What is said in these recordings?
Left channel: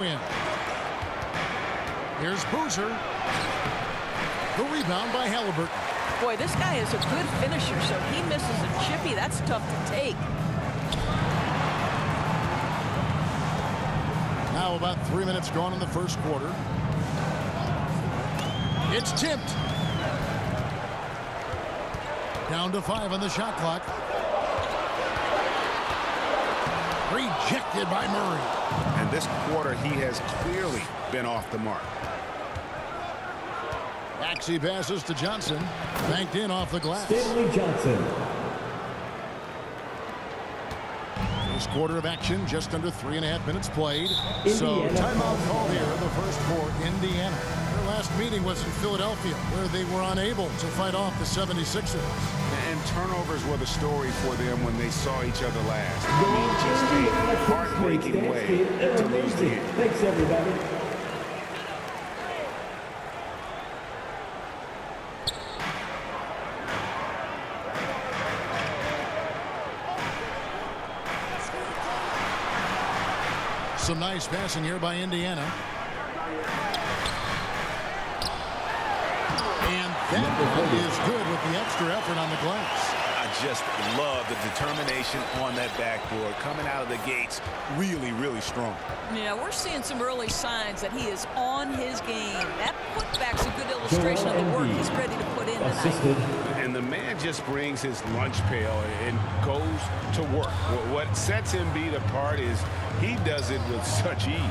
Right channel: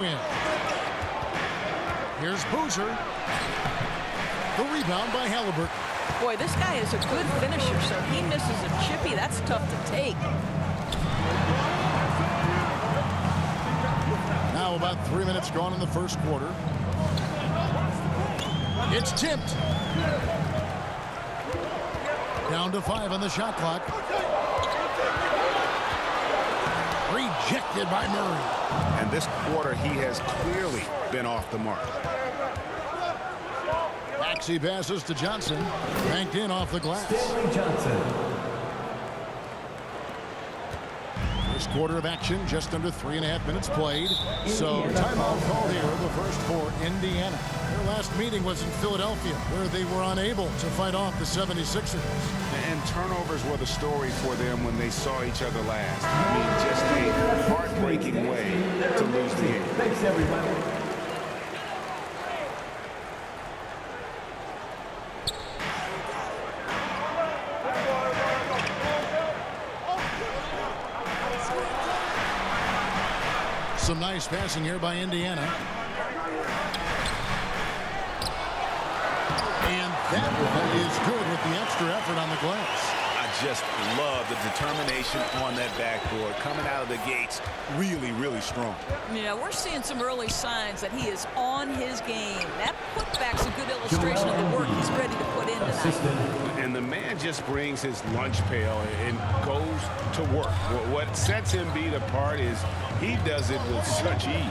win. Here's Boozer. The rebound by Halliburton. Boy, this guy is a good finisher, so he misses a chippy. That's tough to take. Now about 3 minutes gone in the first quarter. It's tipped. Down to 5 on the shot clock. Rejected by Murray. And this quarter, he has clearly been off the mark. Maxey passes to Johnson. Banked in off the glass. Stanley Johnson. First quarter of action, just under 3.5 minutes played. So timeout called here, the first for Indiana. Their last meeting was in Philadelphia, where they were unable to fight off the 76ers. And turnovers were the story for them when they saw each other last. I mean, just a heartbreaking way to lose the game. Thanks, everybody. Some nice passing here by Indiana. And that one is good with the extra effort on the glass. I just love the determination on that backboard. Coming out of the gates really, really strong. Yeah, we're seeing some early signs that he is on his game. That putback's a good illustration of the work he's ready to put in tonight. And the man just brings his lunch pail and goes to work. What sets Embiid apart is he does it with such ease.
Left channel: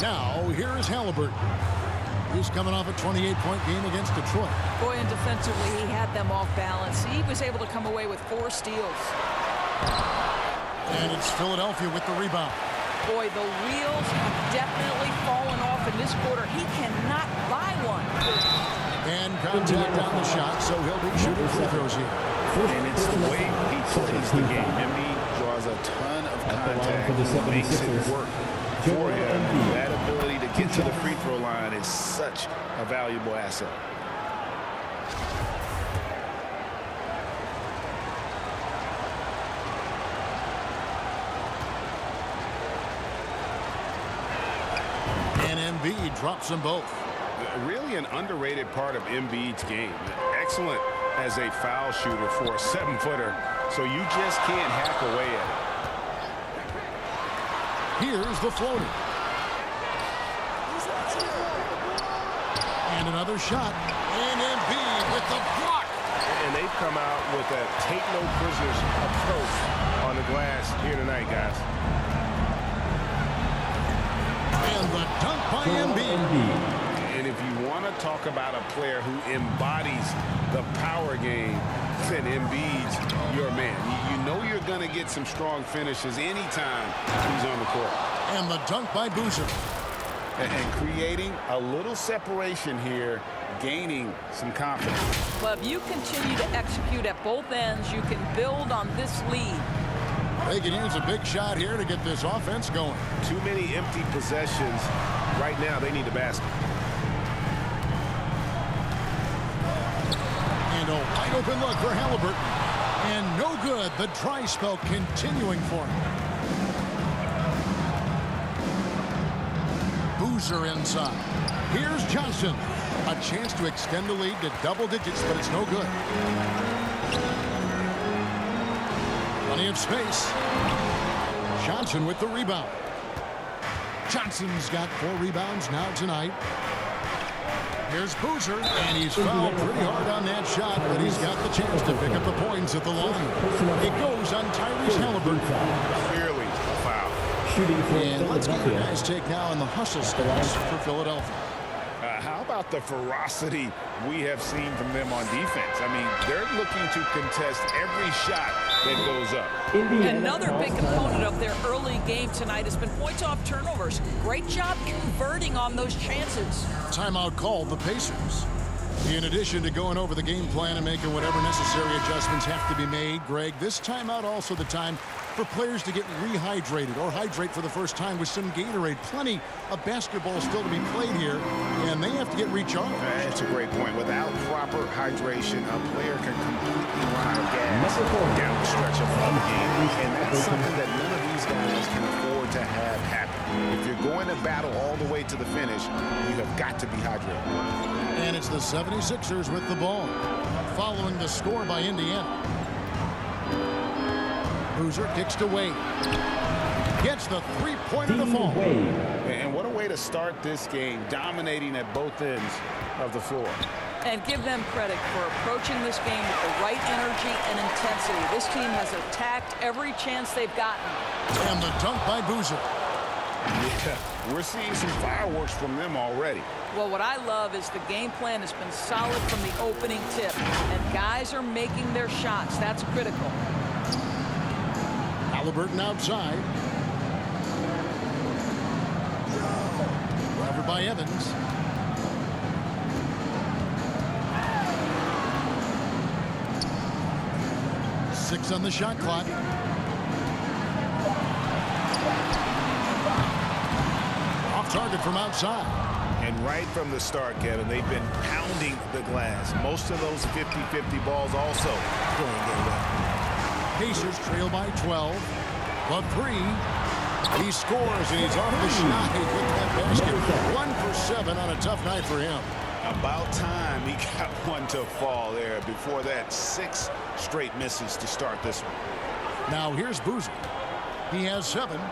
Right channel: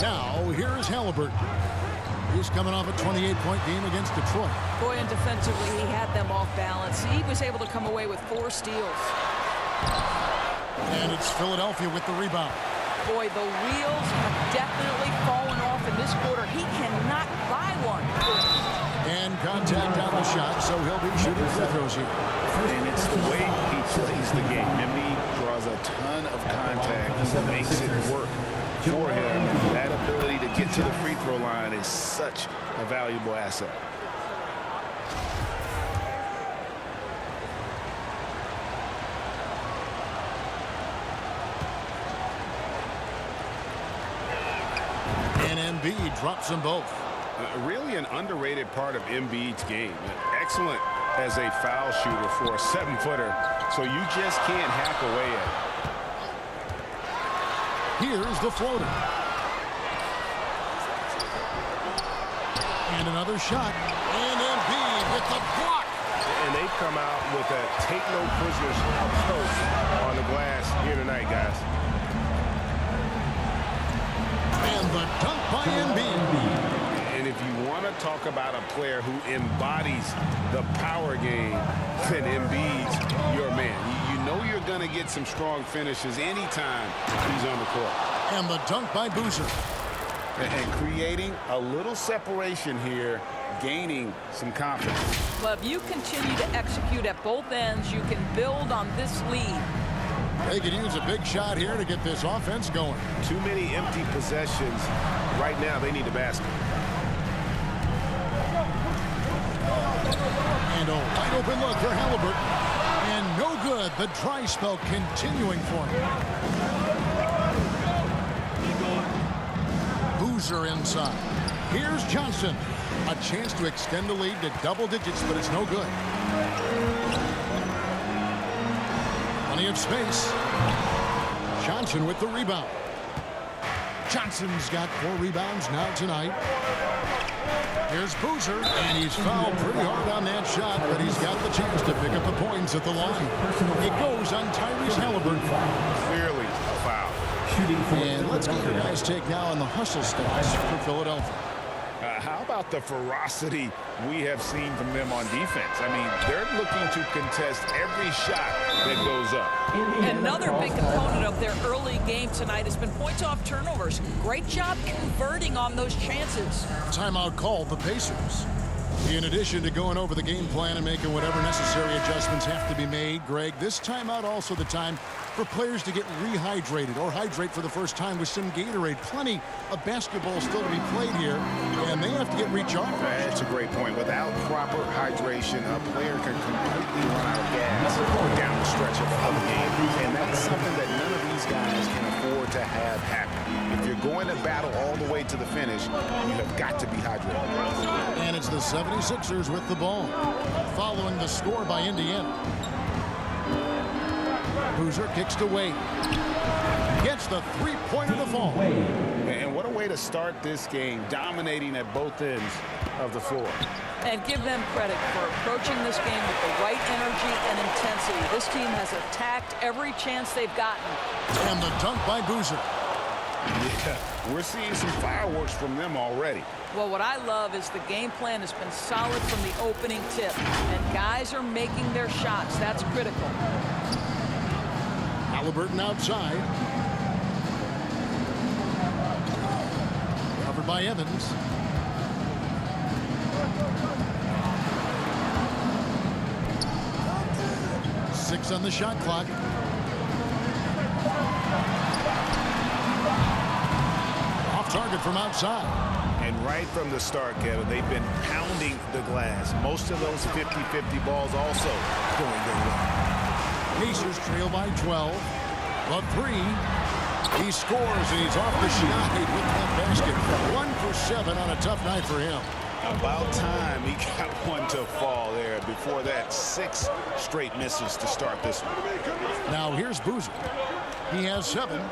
Now, here is Halliburton. He's coming off a 28-point game against Detroit. Boy, and defensively, he had them off balance. He was able to come away with 4 steals. And it's Philadelphia with the rebound. Boy, the wheels have definitely fallen off in this quarter. He cannot buy one. And contact on the shot, so he'll be shooting free throws here. And it's the way he plays the game. Embiid draws a ton of contact and makes it work for him. And that ability to get to the free throw line is such a valuable asset. And Embiid drops them both. Really an underrated part of Embiid's game. Excellent as a foul shooter for a 7-footer, so you just can't hack away at it. Here's the floater. And another shot. And Embiid with the block. And they've come out with a take-no-prisoners approach on the glass here tonight, guys. And the dunk by Embiid. And if you want to talk about a player who embodies the power game, then Embiid's your man. You know you're going to get some strong finishes anytime he's on the court. And the dunk by Boozer. And creating a little separation here, gaining some confidence. Well, if you continue to execute at both ends, you can build on this lead. They can use a big shot here to get this offense going. Too many empty possessions. Right now, they need a basket. And a wide open look for Halliburton. And no good. The dry spell continuing for him. Boozer inside. Here's Johnson. A chance to extend the lead to double digits, but it's no good. Plenty of space. Johnson with the rebound. Johnson's got 4 rebounds now tonight. Here's Boozer, and he's fouled pretty hard on that shot, but he's got the chance to pick up the points at the line. It goes on Tyrese Halliburton. Clearly a foul. And let's get your guys' take now on the hustle stats for Philadelphia. How about the ferocity we have seen from them on defense? I mean, they're looking to contest every shot that goes up. Another big component of their early game tonight has been points off turnovers. Great job converting on those chances. Timeout called the Pacers. In addition to going over the game plan and making whatever necessary adjustments have to be made, Greg, this timeout also the time for players to get rehydrated or hydrate for the first time with some Gatorade. Plenty of basketball still to be played here, and they have to get recharged. That's a great point. Without proper hydration, a player can completely run out of gas down the stretch of a game. And that's something that none of these guys can afford to have happen. If you're going to battle all the way to the finish, you have got to be hydrated. And it's the 76ers with the ball, following the score by Indiana. Boozer kicks to Wade. Gets the three-pointer to fall. And what a way to start this game, dominating at both ends of the floor. And give them credit for approaching this game with the right energy and intensity. This team has attacked every chance they've gotten. And the dunk by Boozer. Yeah, we're seeing some fireworks from them already. Well, what I love is the game plan has been solid from the opening tip. And guys are making their shots. That's critical. Halliburton outside. Covered by Evans. Six on the shot clock. Off target from outside. And right from the start, Kevin, they've been pounding the glass. Most of those 50-50 balls also going their way. Pacers trail by 12. The three. He scores, and he's off the schneid with that basket. 1 for 7 on a tough night for him. About time he got one to fall there. Before that, 6 straight misses to start this one. Now here's Boozer. He has 7.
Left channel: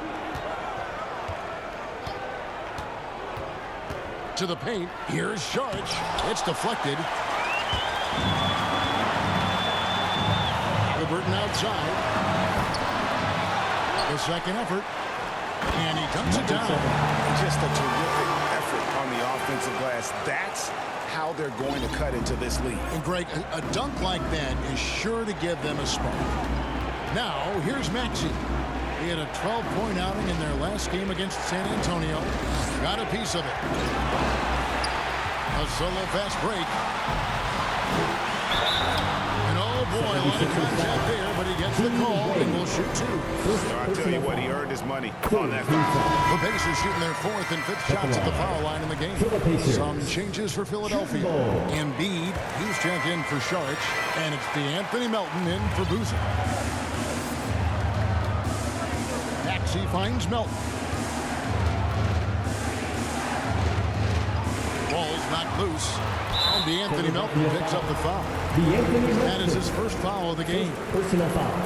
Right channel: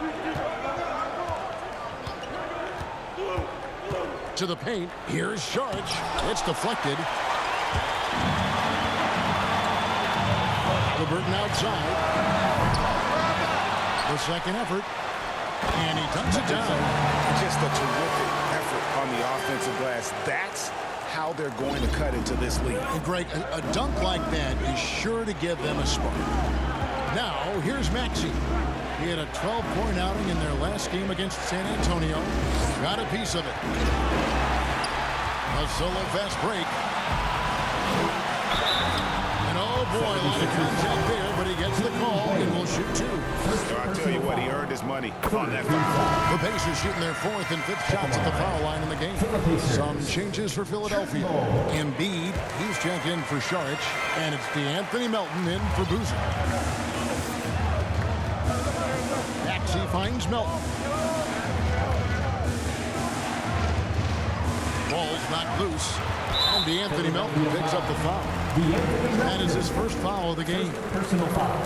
To the paint. Here's Saric. It's deflected. Halliburton outside. The second effort. And he dunks it down. Just a terrific effort on the offensive glass. That's how they're going to cut into this league. And Greg, a dunk like that is sure to give them a spark. Now, here's Maxey. He had a 12-point outing in their last game against San Antonio. Got a piece of it. A solo fast break. And oh boy, a lot of contact there, but he gets the call and will shoot 2. I'll tell you what, he earned his money on that foul. The Pacers shooting their 4th and 5th shots at the foul line in the game. Some changes for Philadelphia. Embiid, he's checked in for Saric, and it's DeAnthony Melton in for Boozer. Maxey finds Melton. Ball's knocked loose. And DeAnthony Melton picks up the foul. That is his first foul of the game. Personal foul.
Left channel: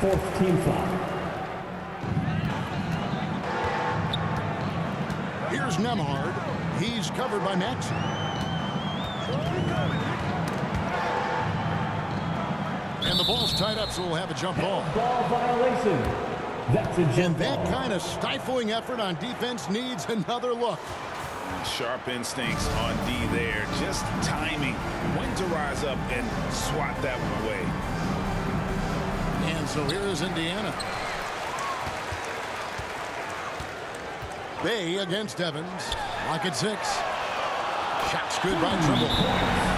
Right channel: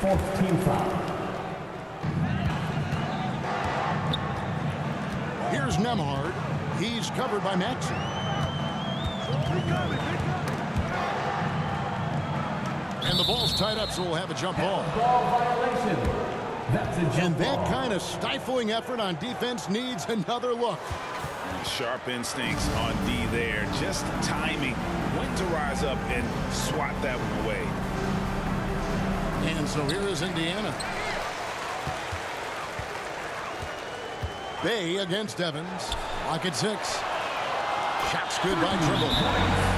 4th team foul. Here's Nembhard. He's covered by Maxey. And the ball's tied up, so we'll have a jump ball. Ball violation. That's a jump And that ball. kind of stifling effort on defense needs another look. Sharp instincts on D there. Just timing when to rise up and swat that one away. And so here is Indiana. Bay against Evans. Lock at 6. Shot's good by Trimble.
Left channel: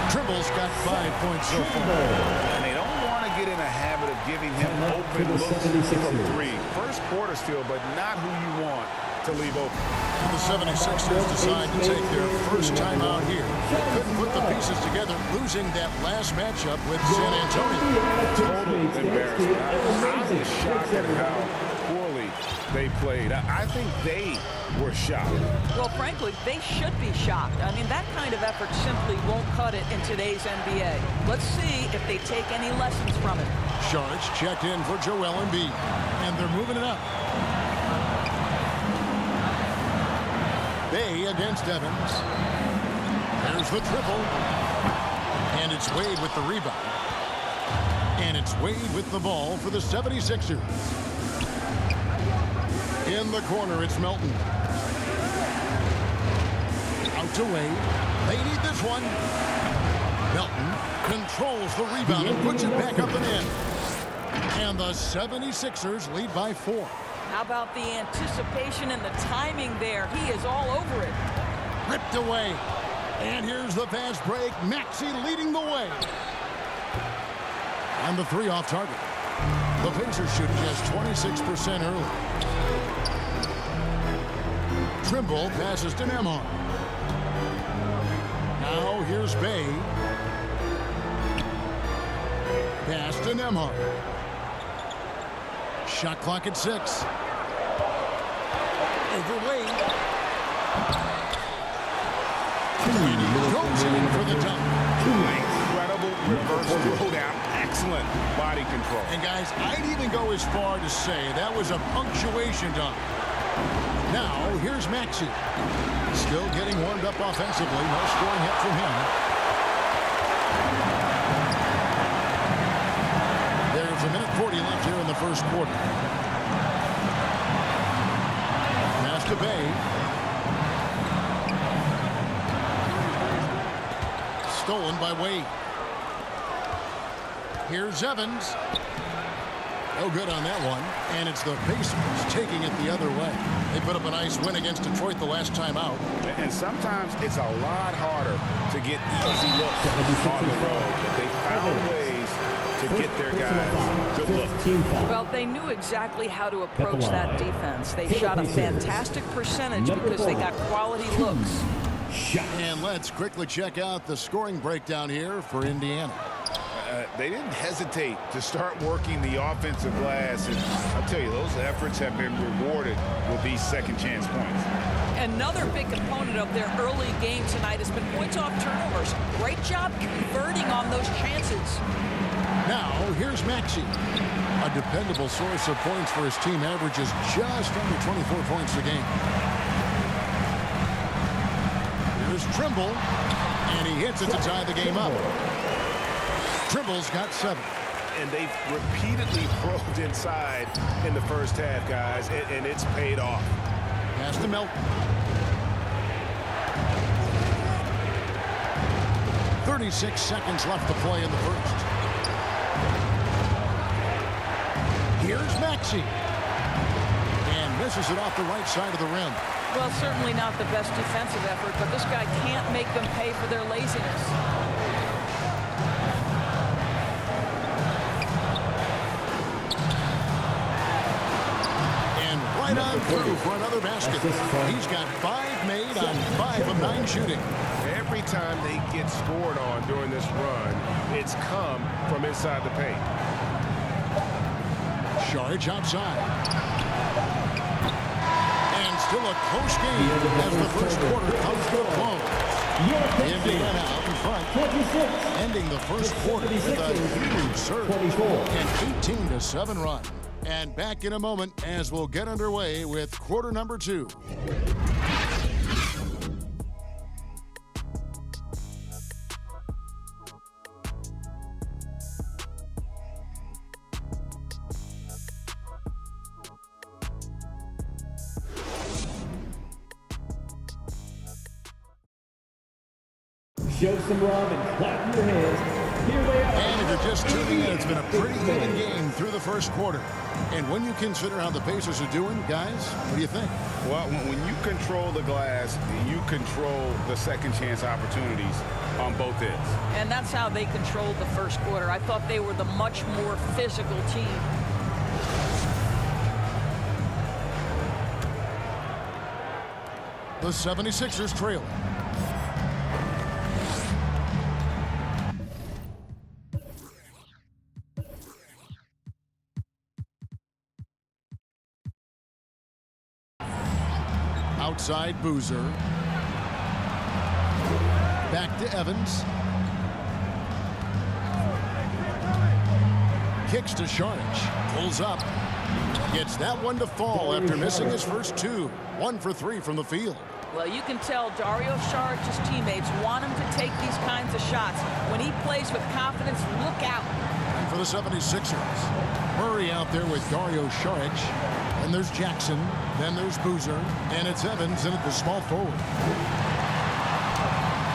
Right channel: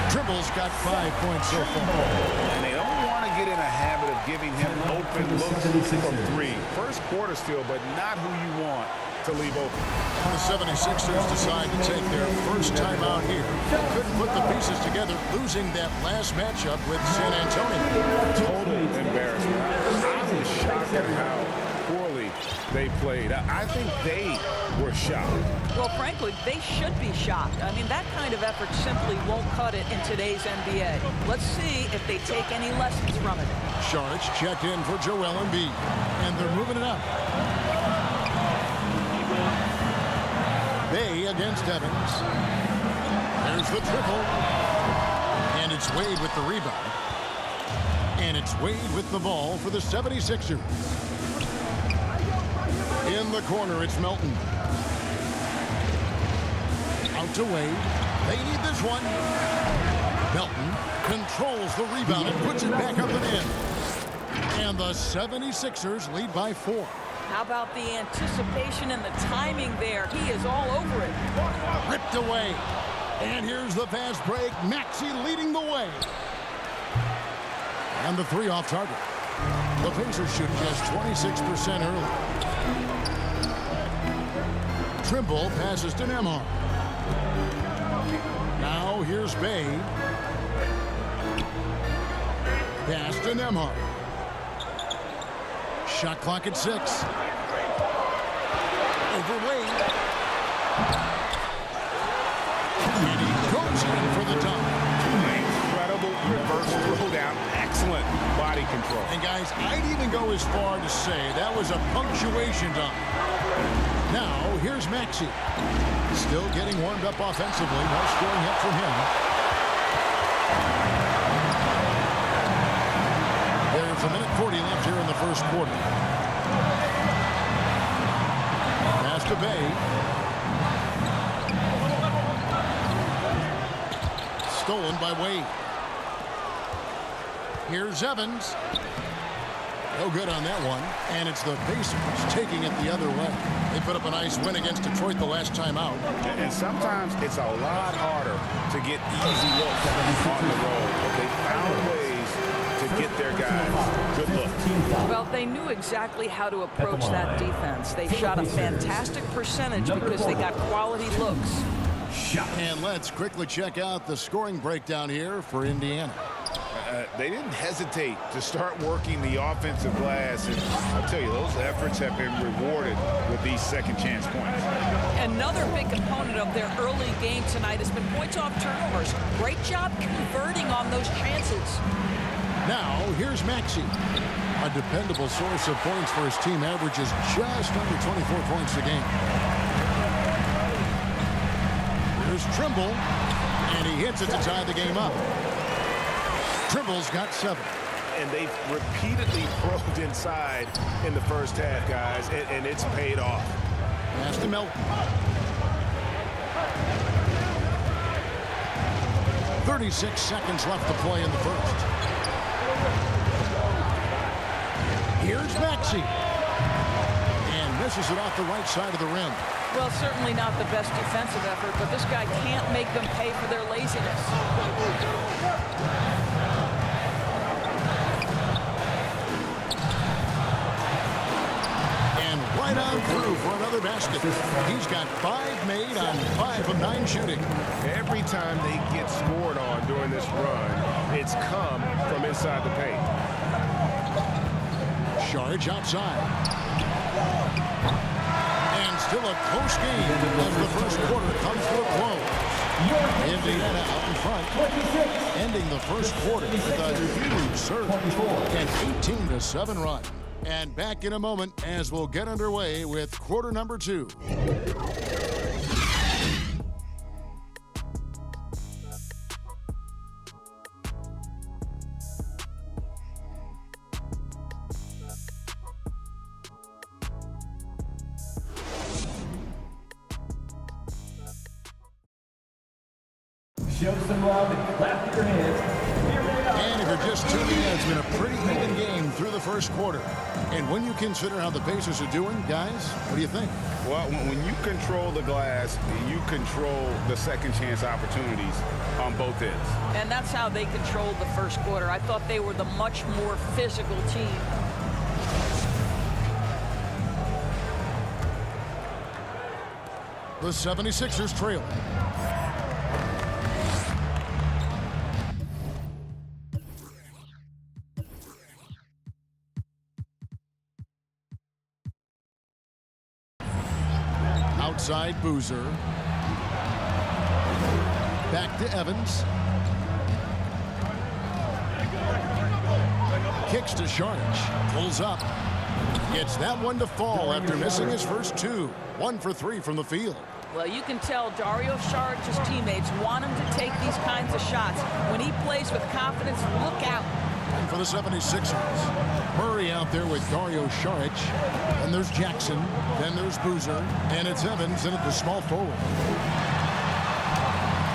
Trimble's got 5 points so far. And they don't want to get in a habit of giving him open looks from 3. First quarter still, but not who you want to leave open. And the 76ers decide to take their first time out here. They couldn't put the pieces together, losing that last matchup with San Antonio. Total embarrassment. I was shocked at how poorly they played. I think they were shocked. Well, frankly, they should be shocked. I mean, that kind of effort simply won't cut it in today's NBA. Let's see if they take any lessons from it. Saric checked in for Joel Embiid, and they're moving it up. Bay against Evans. There's the triple. And it's Wade with the rebound. And it's Wade with the ball for the 76ers. In the corner, it's Melton. Out to Wade. They need this one. Melton controls the rebound and puts it back up and in. And the 76ers lead by 4. How about the anticipation and the timing there? He is all over it. Ripped away. And here's the fast break. Maxey leading the way. And the 3 off target. The Pacers shooting just 26% early. Trimble passes to Nembhard. Now here's Bay. Pass to Nembhard. Shot clock at 6. Over Wade. And he goes in for the dunk. Incredible reverse throwdown. Excellent body control. And guys, I'd even go as far to say that was a punctuation dunk. Now, here's Maxey. Still getting warmed up offensively. No scoring yet from him. There's a minute 40 left here in the first quarter. Pass to Bay. Stolen by Wade. Here's Evans. No good on that one. And it's the Pacers taking it the other way. They put up a nice win against Detroit the last time out. And sometimes it's a lot harder to get easy looks on the road. But they found ways to get their guys good looks. Well, they knew exactly how to approach that defense. They shot a fantastic percentage because they got quality looks. And let's quickly check out the scoring breakdown here for Indiana. They didn't hesitate to start working the offensive glass, and I'll tell you, those efforts have been rewarded with these second chance points. Another big component of their early game tonight has been points off turnovers. Great job converting on those chances. Now, here's Maxey. A dependable source of points for his team, averages just under 24 points a game. Here's Trimble, and he hits it to tie the game up. Trimble's got 7. And they've repeatedly probed inside in the first half, guys, and it's paid off. Pass to Melton. 36 seconds left to play in the first. Here's Maxey. And misses it off the right side of the rim. Well, certainly not the best defensive effort, but this guy can't make them pay for their laziness. And right on through for another basket. He's got 5 made on 5 of 9 shooting. Every time they get scored on during this run, it's come from inside the paint. Saric outside. And still a close game as the first quarter comes to a close. Indiana out in front, 26. ending the first quarter with a huge surge, 24. an 18-7 run. And back in a moment as we'll get underway with quarter number 2. Show some love and clap your hands. Here they are. And if you're just tuning in, it's been a pretty even game through the first quarter. And when you consider how the Pacers are doing, guys, what do you think? Well, when you control the glass, you control the second chance opportunities on both ends. And that's how they controlled the first quarter. I thought they were the much more physical team. The 76ers trail. Outside Boozer. Back to Evans. Kicks to Saric. Pulls up. Gets that one to fall after missing his first 2. 1 for 3 from the field. Well, you can tell Dario Saric's teammates want him to take these kinds of shots. When he plays with confidence, look out. And for the 76ers, Murray out there with Dario Saric. Then there's Jackson. Then there's Boozer. And it's Evans in at the small forward.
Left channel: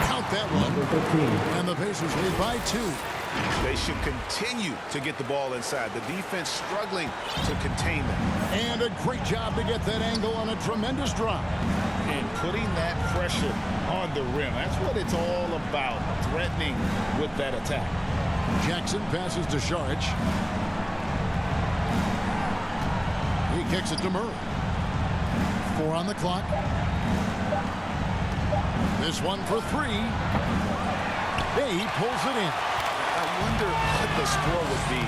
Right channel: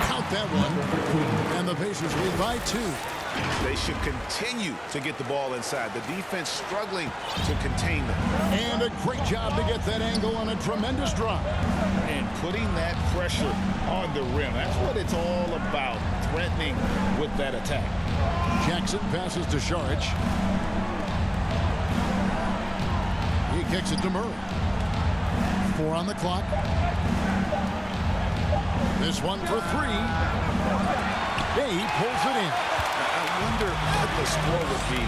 Count that one. And the Pacers lead by 2. They should continue to get the ball inside. The defense struggling to contain them. And a great job to get that angle on a tremendous drop. And putting that pressure on the rim. That's what it's all about, threatening with that attack. Jackson passes to Saric. He kicks it to Murray. 4 on the clock. This one for 3. He pulls it in. I wonder what the score would be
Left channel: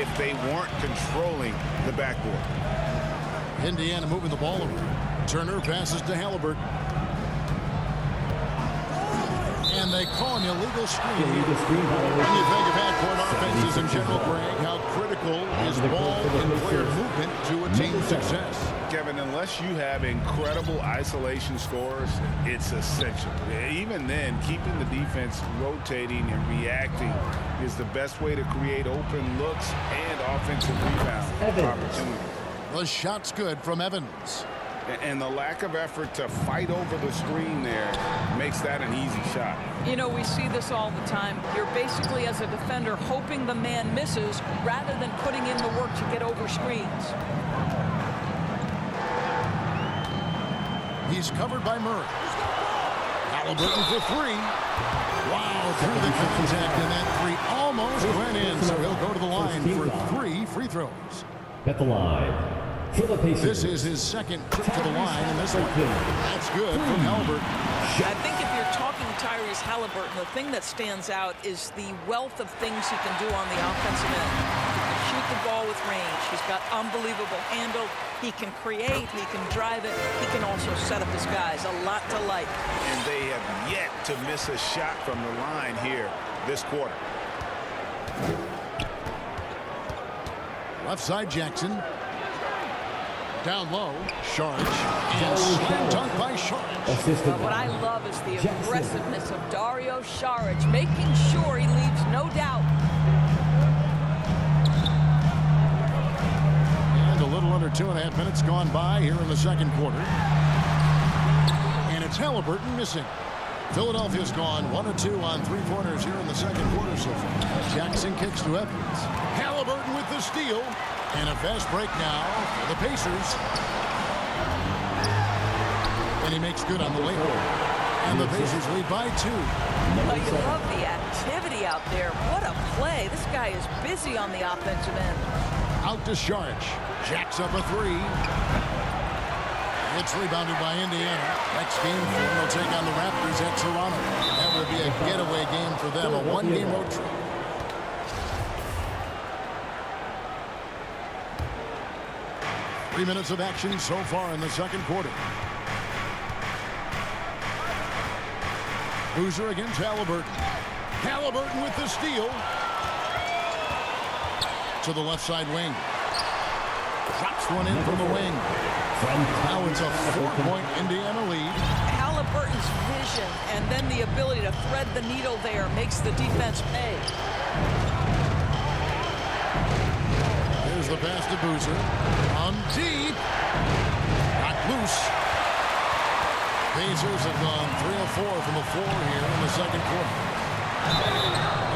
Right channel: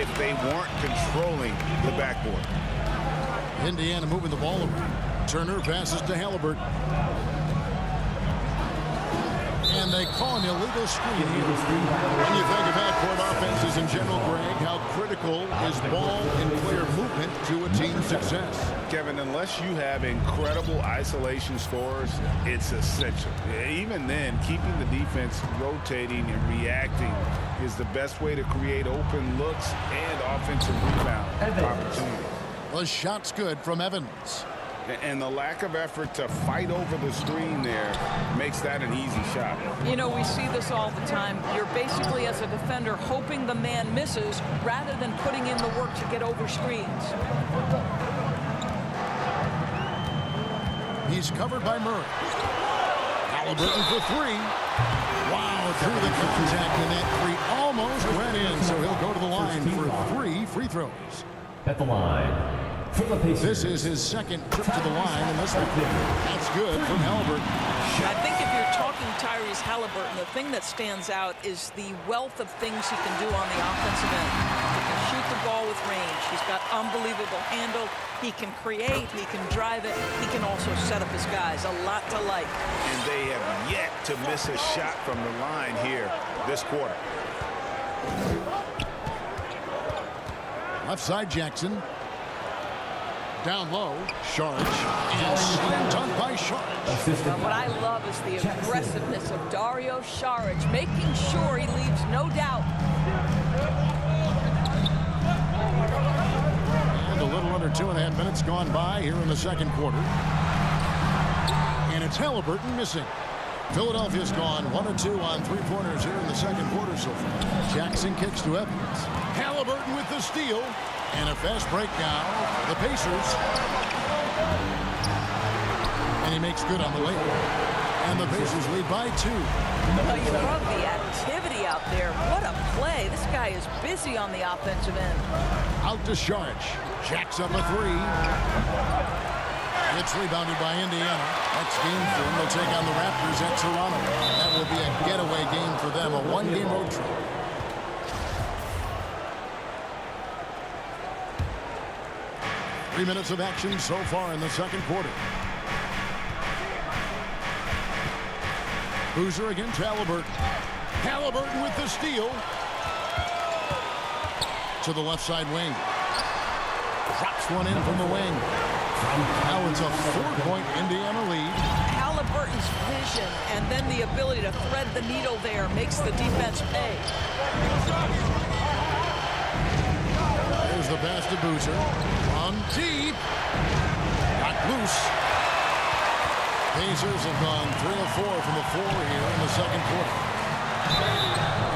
if they weren't controlling the backboard. Indiana moving the ball around. Turner passes to Halliburton. And they call an illegal screen here. When you think of half-court offenses in general, Greg, how critical is ball and player movement to a team's success? Kevin, unless you have incredible isolation scores, it's essential. Even then, keeping the defense rotating and reacting is the best way to create open looks and offensive rebound opportunities. The shot's good from Evans. And the lack of effort to fight over the screen there makes that an easy shot. You know, we see this all the time. You're basically, as a defender, hoping the man misses rather than putting in the work to get over screens. He's covered by Murray. Halliburton for 3. Wow, through the contact, and that 3 almost went in, so he'll go to the line for 3 free throws. At the line. This is his second trip to the line in this one. That's good from Halliburton. I think if you're talking Tyrese Halliburton, the thing that stands out is the wealth of things he can do on the offensive end. He can shoot the ball with range. He's got unbelievable handle. He can create. He can drive it. He can also set up his guys. A lot to like. And they have yet to miss a shot from the line here this quarter. Left side, Jackson. Down low, Saric, and slam dunk by Saric. Well, what I love is the aggressiveness of Dario Saric, making sure he leaves no doubt. And a little under 2.5 minutes gone by here in the second quarter. And it's Halliburton missing. Philadelphia's gone 1 of 2 on 3-pointers here in the second quarter so far. Jackson kicks to Evans. Halliburton with the steal. And a fast break now for the Pacers. And he makes good on the layup. And the Pacers lead by 2. Well, you love the activity out there. What a play. This guy is busy on the offensive end. Out to Saric. Jacks up a 3. It's rebounded by Indiana. Next game for them, they'll take on the Raptors at Toronto. That will be a getaway game for them, a 1-game road trip. Three minutes of action so far in the second quarter. Boozer against Halliburton. Halliburton with the steal. To the left side wing. Drops one in from the wing. Now it's a 4-point Indiana lead. Halliburton's vision and then the ability to thread the needle there makes the defense pay. There's the pass to Boozer. On deep. Got loose. Pacers have gone 3 of 4 from the floor here in the second quarter.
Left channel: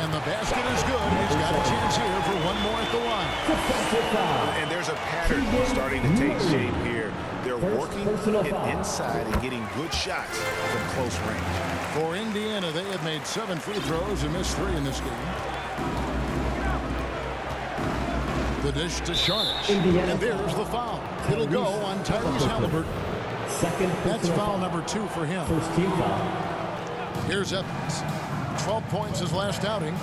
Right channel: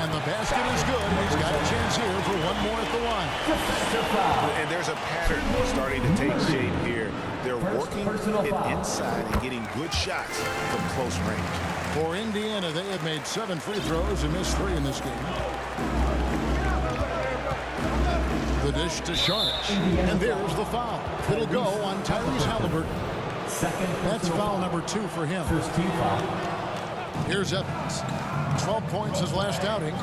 And the basket is good. He's got a chance here for one more at the line. And there's a pattern starting to take shape here. They're working it inside and getting good shots from close range. For Indiana, they have made 7 free throws and missed 3 in this game. The dish to Saric. And there's the foul. It'll go on Tyrese Halliburton. That's foul number 2 for him. First team foul. Here's Evans. 12 points his last outing.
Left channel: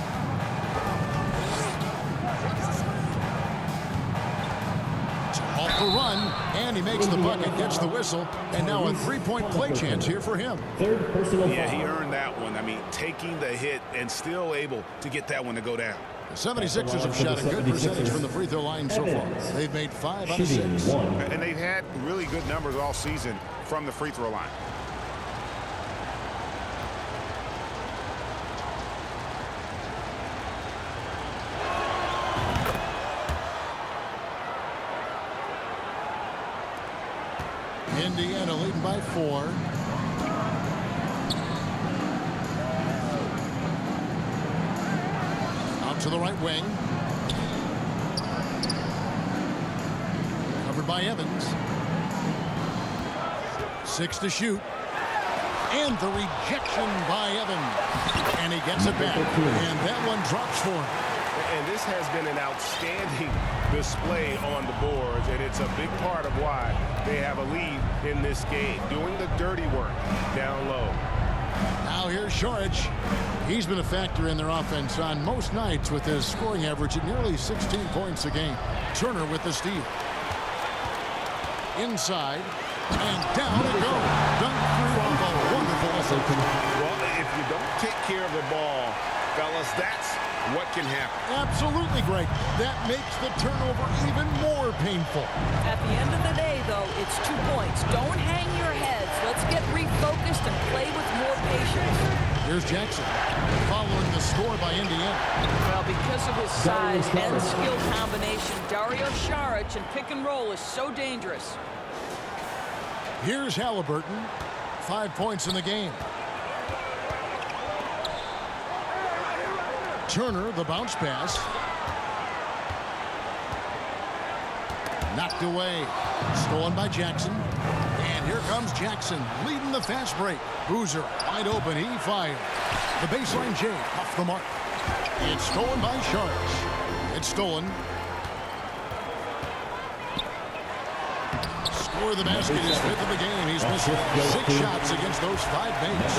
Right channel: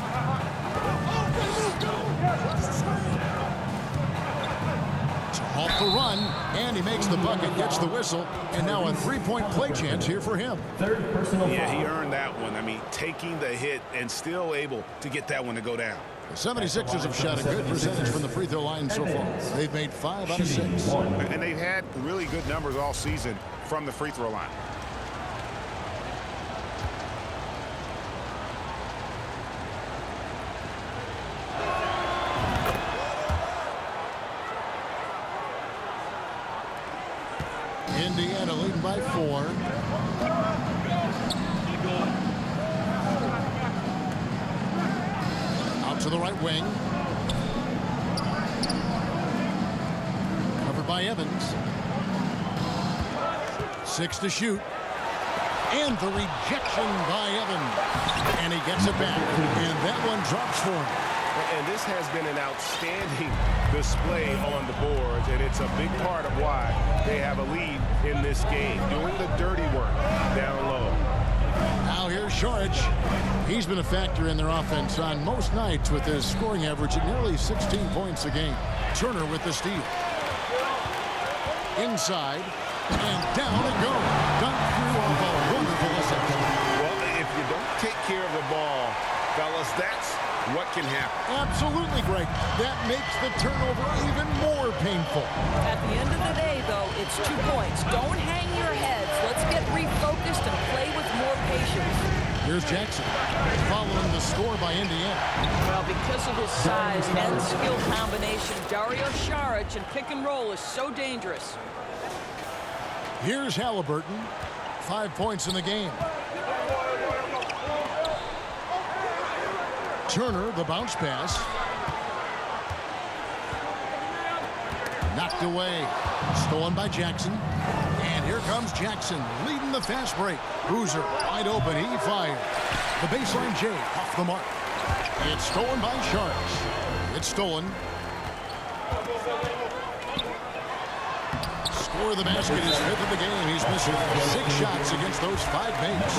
To halt the run, and he makes the bucket, gets the whistle, and now a 3-point play chance here for him. Third personal Yeah, foul. he earned that one. I mean, taking the hit and still able to get that one to go down. The 76ers have shot a good percentage from the free throw line so far. They've made 5 out of 6. And they've had really good numbers all season from the free throw line. Indiana leading by 4. Out to the right wing. Covered by Evans. 6 to shoot. And the rejection by Evans. And he gets it back. And that one drops for him. And this has been an outstanding display on the boards, and it's a big part of why they have a lead in this game, doing the dirty work down low. Now here's Saric. He's been a factor in their offense on most nights with his scoring average at nearly 16 points a game. Turner with the steal. Inside, and down it goes. Dunked through off a wonderful assist. Well, if you don't take care of the ball, fellas, that's what can happen. Absolutely, Greg. That makes the turnover even more painful. At the end of the day, though, it's 2 points. Don't hang your heads. Let's get refocused and play with more patience. Here's Jackson, following the score by Indiana. Well, because of his size and skill combination, Dario Saric and pick and roll is so dangerous. Here's Halliburton, 5 points in the game. Turner, the bounce pass. Knocked away. Stolen by Jackson. And here comes Jackson, leading the fast break. Boozer, wide open. He fired. The baseline J, off the mark. It's stolen by Saric. It's stolen. Score the basket, his 5th of the game. He's missed 6 shots against those 5 mates.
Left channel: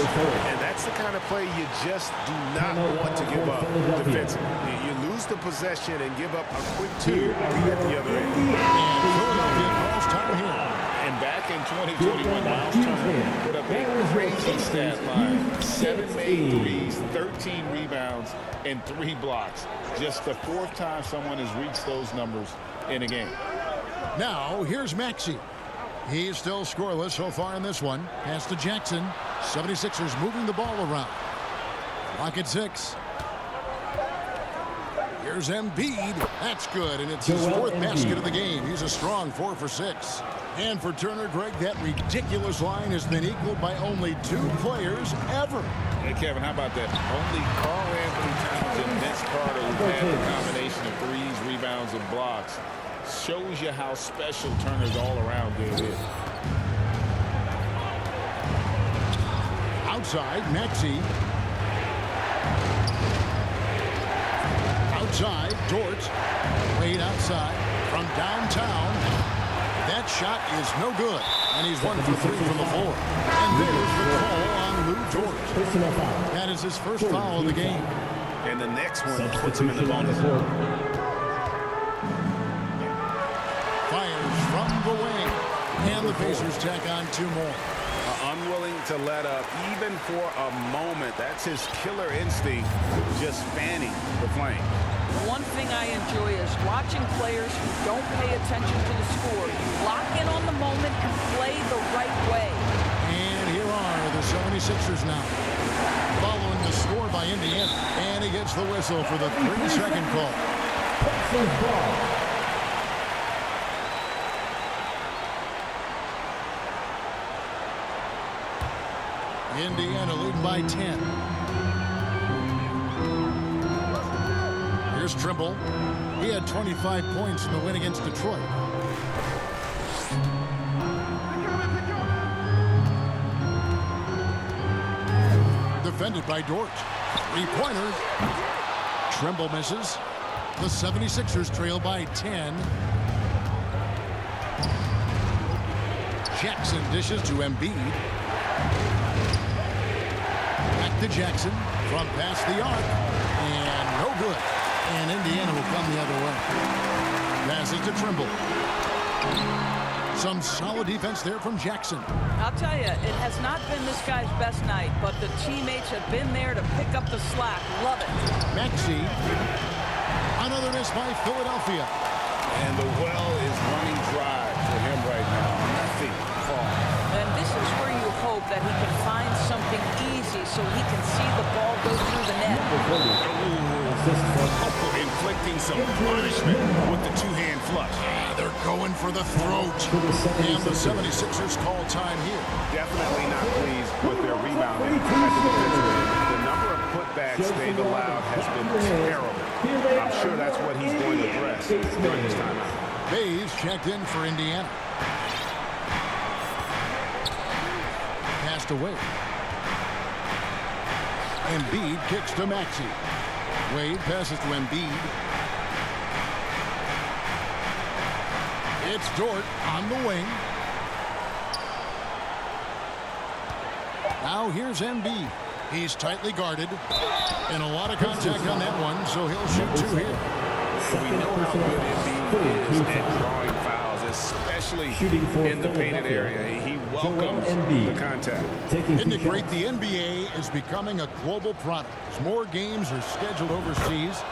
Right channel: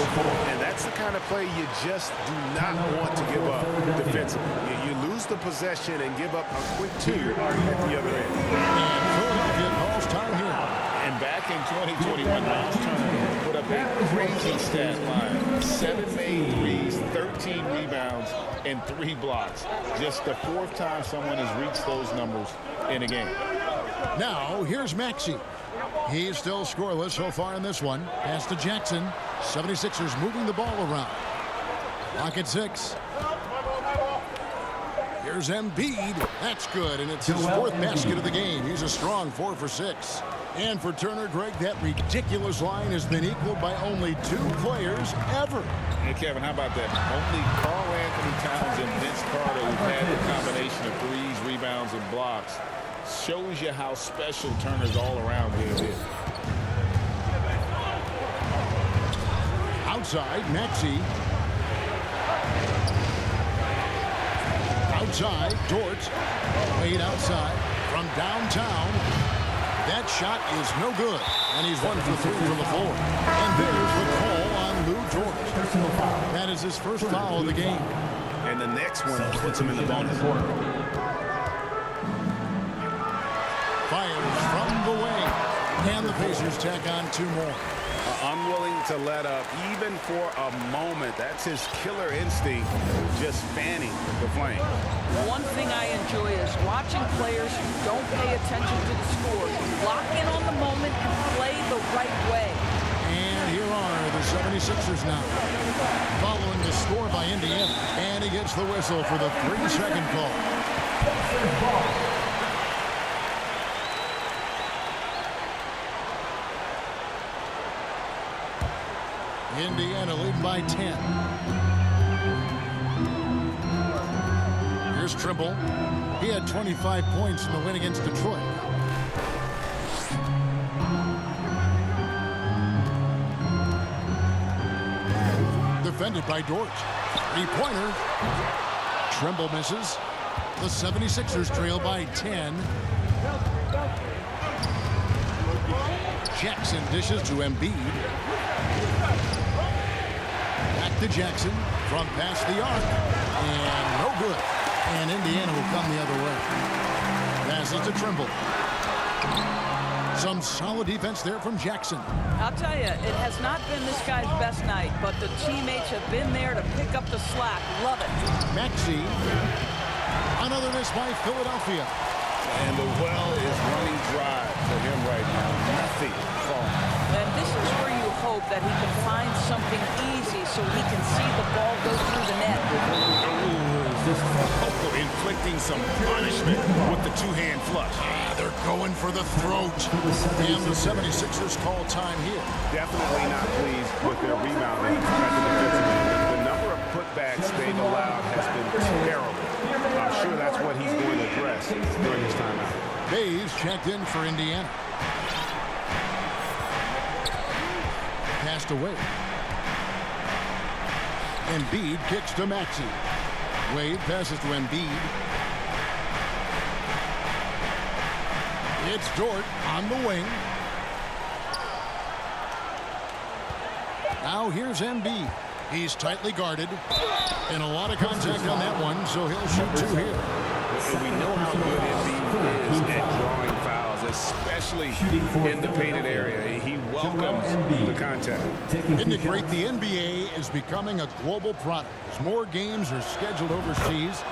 And that's the kind of play you just do not want to give up defensively. You lose the possession and give up a quick 2 at the other end. And Philadelphia calls time here. And back in 2021, Miles Turner put up a crazy stat line. 7 made threes, 13 rebounds, and 3 blocks. Just the 4th time someone has reached those numbers in a game. Now, here's Maxey. He's still scoreless so far in this one. Pass to Jackson. 76ers moving the ball around. Clock at 6. Here's Embiid. That's good, and it's his 4th basket of the game. He's a strong 4 for 6. And for Turner, Greg, that ridiculous line has been equaled by only 2 players ever. Hey, Kevin, how about that? Only Karl Anthony Towns and Vince Carter, who've had the combination of threes, rebounds, and blocks. Shows you how special Turner's all-around game is. Outside, Maxey. Outside, Dort. Wade outside from downtown. That shot is no good, and he's 1 for 3 from the floor. And there's the call on Lou Dort. Personal foul. That is his first foul of the game. And the next one puts him in the bonus. Fires from the wing, and the Pacers tack on 2 more. Unwilling to let up, even for a moment. That's his killer instinct, just fanning the flames. One thing I enjoy is watching players who don't pay attention to the score. You lock in on the moment and play the right way. And here are the 76ers now, following the score by Indiana. And he gets the whistle for the 3-second call. Indiana leading by 10. Here's Trimble. He had 25 points in the win against Detroit. Defended by Dort. 3-pointer. Trimble misses. The 76ers trail by 10. Jackson dishes to Embiid. Back to Jackson from past the arc. And no good. And Indiana will come the other way. Passes to Trimble. Some solid defense there from Jackson. I'll tell you, it has not been this guy's best night, but the teammates have been there to pick up the slack. Love it. Maxey. Another miss by Philadelphia. And the well is running dry for him right now. Nothing falling. And this is where you hope that he can find something easy so he can see the ball go through the net. Inflicting some punishment with the 2-hand flush. They're going for the throat. And the 76ers call time here. Definitely not pleased with their rebounding at the defensive end. The number of putbacks they've allowed has been terrible. I'm sure that's what he's going to address during his timeout. Bays checked in for Indiana. Passed away. Embiid kicks to Maxey. Wade passes to Embiid. It's Dort on the wing. Now here's Embiid. He's tightly guarded. And a lot of contact on that one, so he'll shoot 2 here. And we know how good Embiid is at drawing fouls, especially in the painted area. He welcomes the contact. Isn't it great? The NBA is becoming a global product. As more games are scheduled overseas.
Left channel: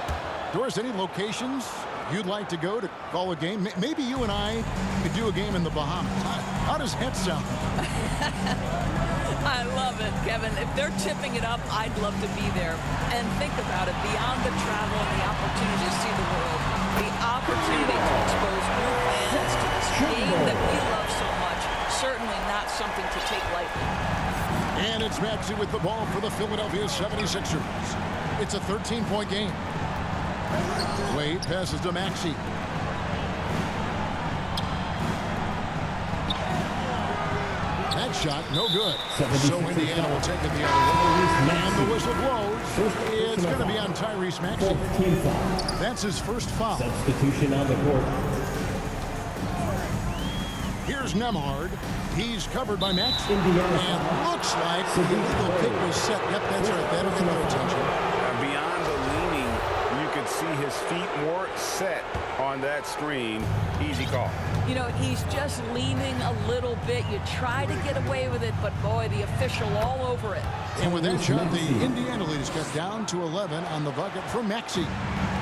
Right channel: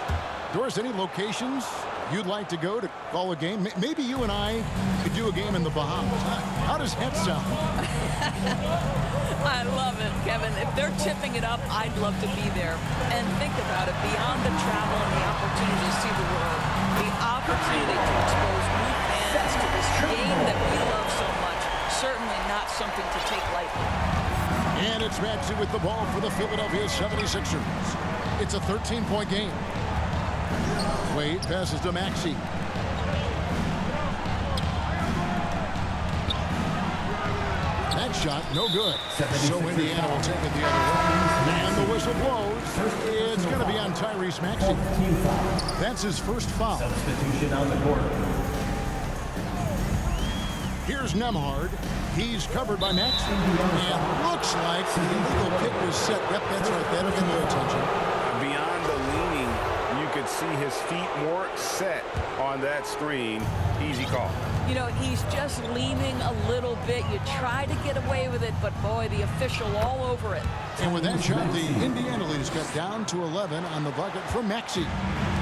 Doris, any locations you'd like to go to call a game? Maybe you and I could do a game in the Bahamas. How does that sound? I love it, Kevin. If they're tipping it up, I'd love to be there. And think about it, beyond the travel and the opportunity to see the world, the opportunity to expose new fans to this game that we love so much, certainly not something to take lightly. And it's Maxey with the ball for the Philadelphia 76ers. It's a 13-point game. Wade passes to Maxey. That shot, no good. So Indiana will take it the other way. And the whistle blows. It's going to be on Tyrese Maxey. That's his first foul. Substitution on the court. Here's Nembhard. He's covered by Maxey. And looks like the illegal kick was set. Yep, that's right. That'll get their attention. Beyond the leaning, you could see his feet more set on that screen. Easy call. You know, he's just leaning a little bit. You try to get away with it, but boy, the official all over it. And with that shot, the Indiana lead is cut down to 11 on the bucket from Maxey.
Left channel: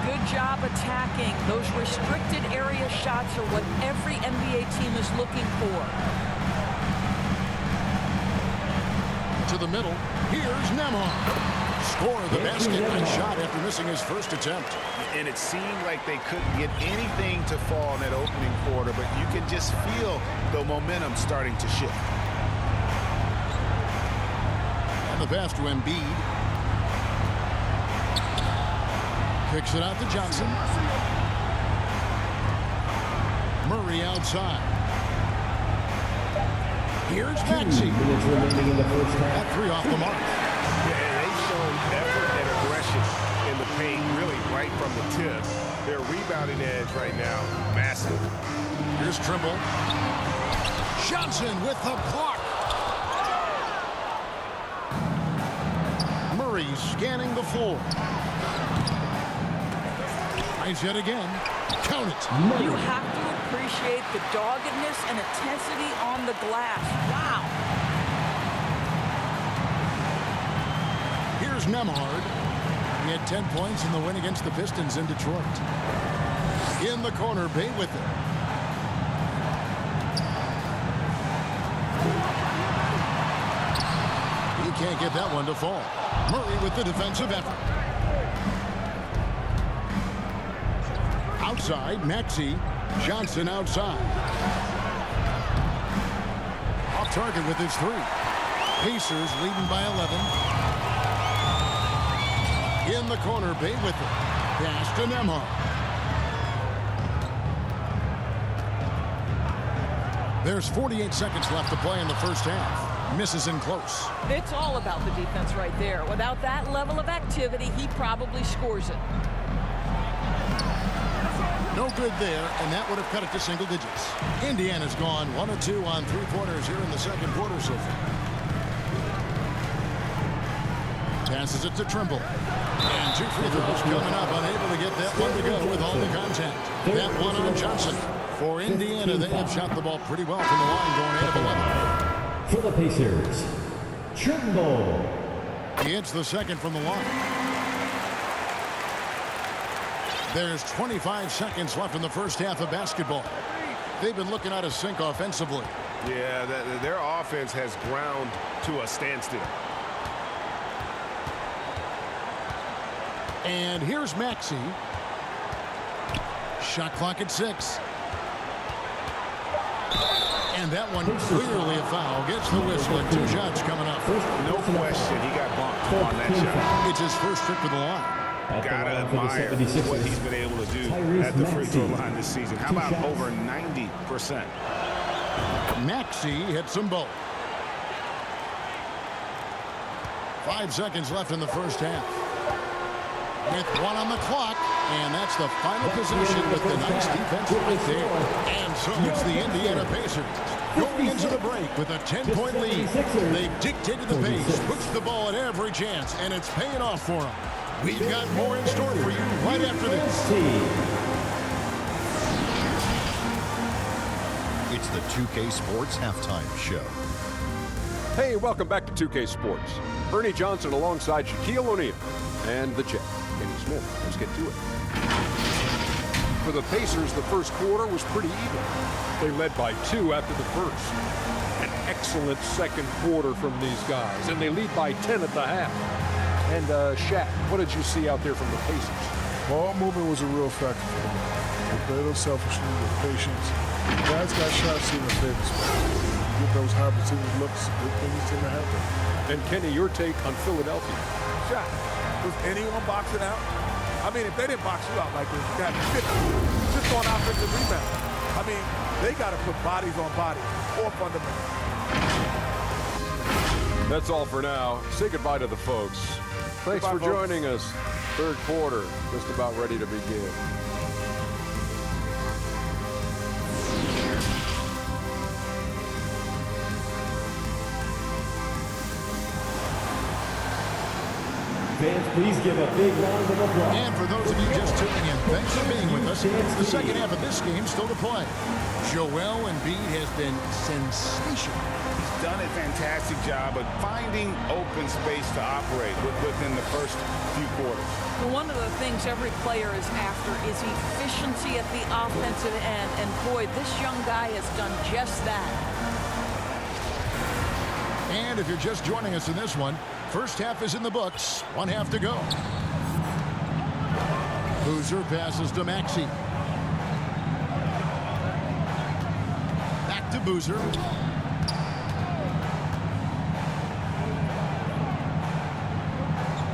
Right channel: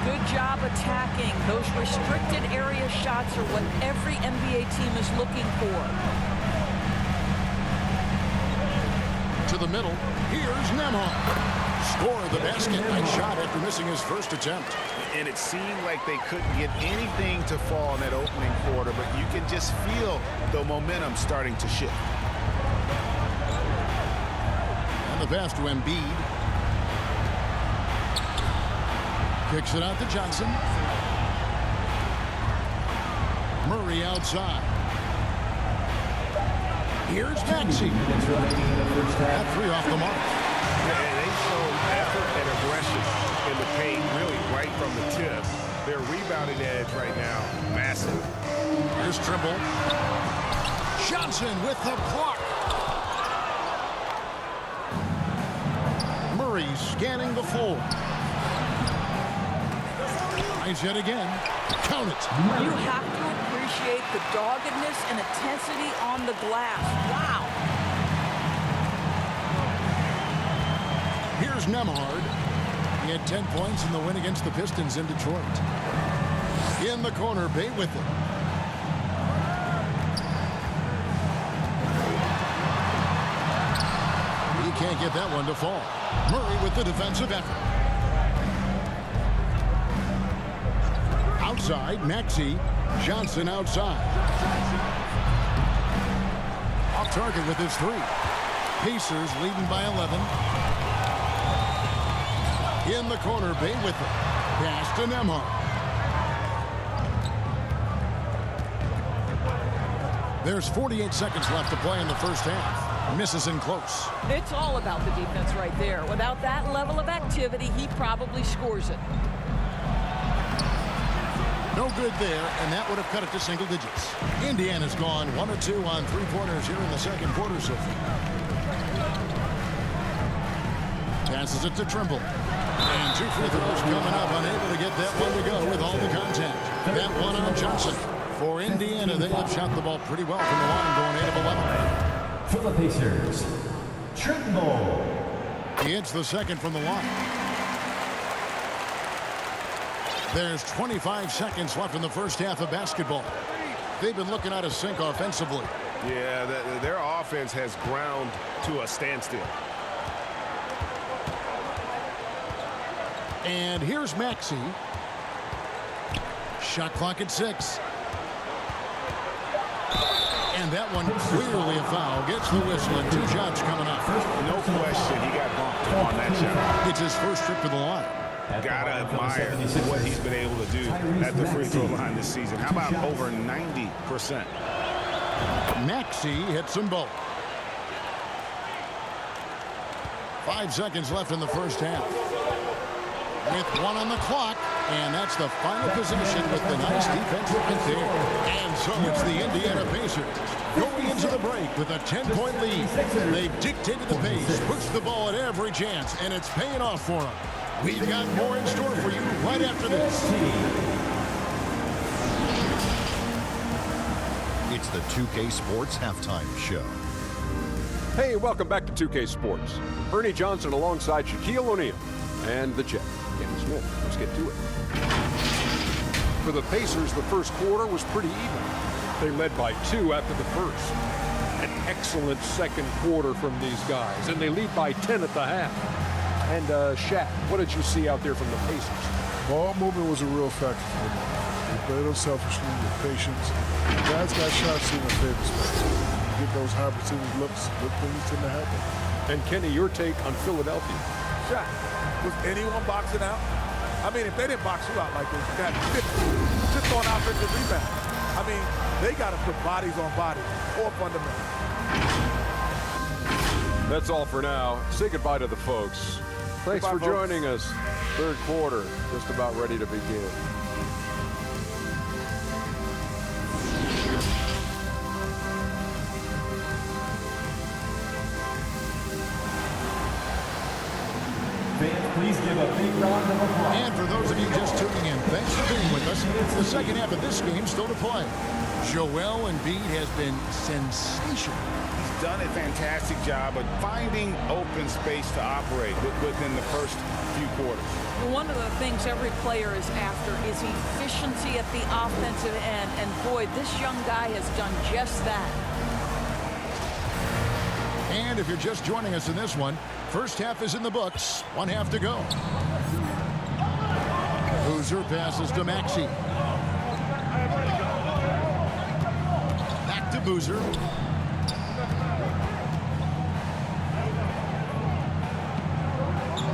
Good job attacking. Those restricted area shots are what every NBA team is looking for. To the middle, here's Nembhard. Score the basket. Nice shot after missing his first attempt. And it seemed like they couldn't get anything to fall in that opening quarter, but you can just feel the momentum starting to shift. And the pass to Embiid. Kicks it out to Johnson. Murray outside. Here's Maxey. That 3 off the mark. Yeah, they showed effort and aggression in the paint, really right from the tip. Their rebounding edge right now, massive. Here's Trimble. Johnson with the block. Murray scanning the floor. Nice hit again. Count it. You have to appreciate the doggedness and intensity on the glass. Wow. Here's Nembhard. He had 10 points in the win against the Pistons in Detroit. In the corner, Bay with it. He can't get that one to fall. Murray with the defensive effort. Outside, Maxey. Johnson outside. Off target with his 3. Pacers leading by 11. In the corner, Bay with it. Pass to Nembhard. There's 48 seconds left to play in the first half. Misses in close. It's all about the defense right there. Without that level of activity, he probably scores it. No good there, and that would have cut it to single digits. Indiana's gone 1 of 2 on 3-pointers here in the second quarter so far. Passes it to Trimble. And 2 free throws coming up, unable to get that one to go with all the contact. That one on Johnson. For Indiana, they have shot the ball pretty well from the line, going 8 of 11. For the Pacers, Trimble. He hits the second from the line. There's 25 seconds left in the first half of basketball. They've been looking out of sync offensively. Yeah, their offense has ground to a standstill. And here's Maxey. Shot clock at 6. And that one clearly a foul. Gets the whistle and 2 shots coming up. No question he got bumped on that shot. It's his first trip to the line. Gotta admire what he's been able to do at the free throw line this season. How about over 90%? Maxey hits them both. 5 seconds left in the first half. with 1 on the clock, and that's the final possession with the nice defense right there. And so it's the Indiana Pacers going into the break with a 10-point lead. They've dictated the pace, pushed the ball at every chance, and it's paying off for them. We've got more in store for you right after this. It's the 2K Sports Halftime Show. Hey, welcome back to 2K Sports. Ernie Johnson alongside Shaquille O'Neal and the Jet, Kenny Smith. Let's get to it. For the Pacers, the first quarter was pretty even. They led by 2 after the first. An excellent second quarter from these guys, and they lead by 10 at the half. And Shaq, what did you see out there from the Pacers? Ball movement was a real factor for them. They played unselfishly with patience. Guys got shots in their favorite spots. You get those high percentage looks, good things tend to happen. And Kenny, your take on Philadelphia? Shot. Was anyone boxing out? I mean, if they didn't box you out like this, you got 50 just on offensive rebound. I mean, they got to put bodies on bodies or fundamentals. That's all for now. Say goodbye to the folks. Thanks for joining us. Third quarter, just about ready to begin. Fans, please give a big round of applause. And for those of you just tuning in, thanks for being with us. The second half of this game still to play. Joel Embiid has been sensational. He's done a fantastic job of finding open space to operate within the first few quarters. One of the things every player is after is efficiency at the offensive end. And boy, this young guy has done just that. And if you're just joining us in this one, first half is in the books. 1 half to go. Boozer passes to Maxey. Back to Boozer.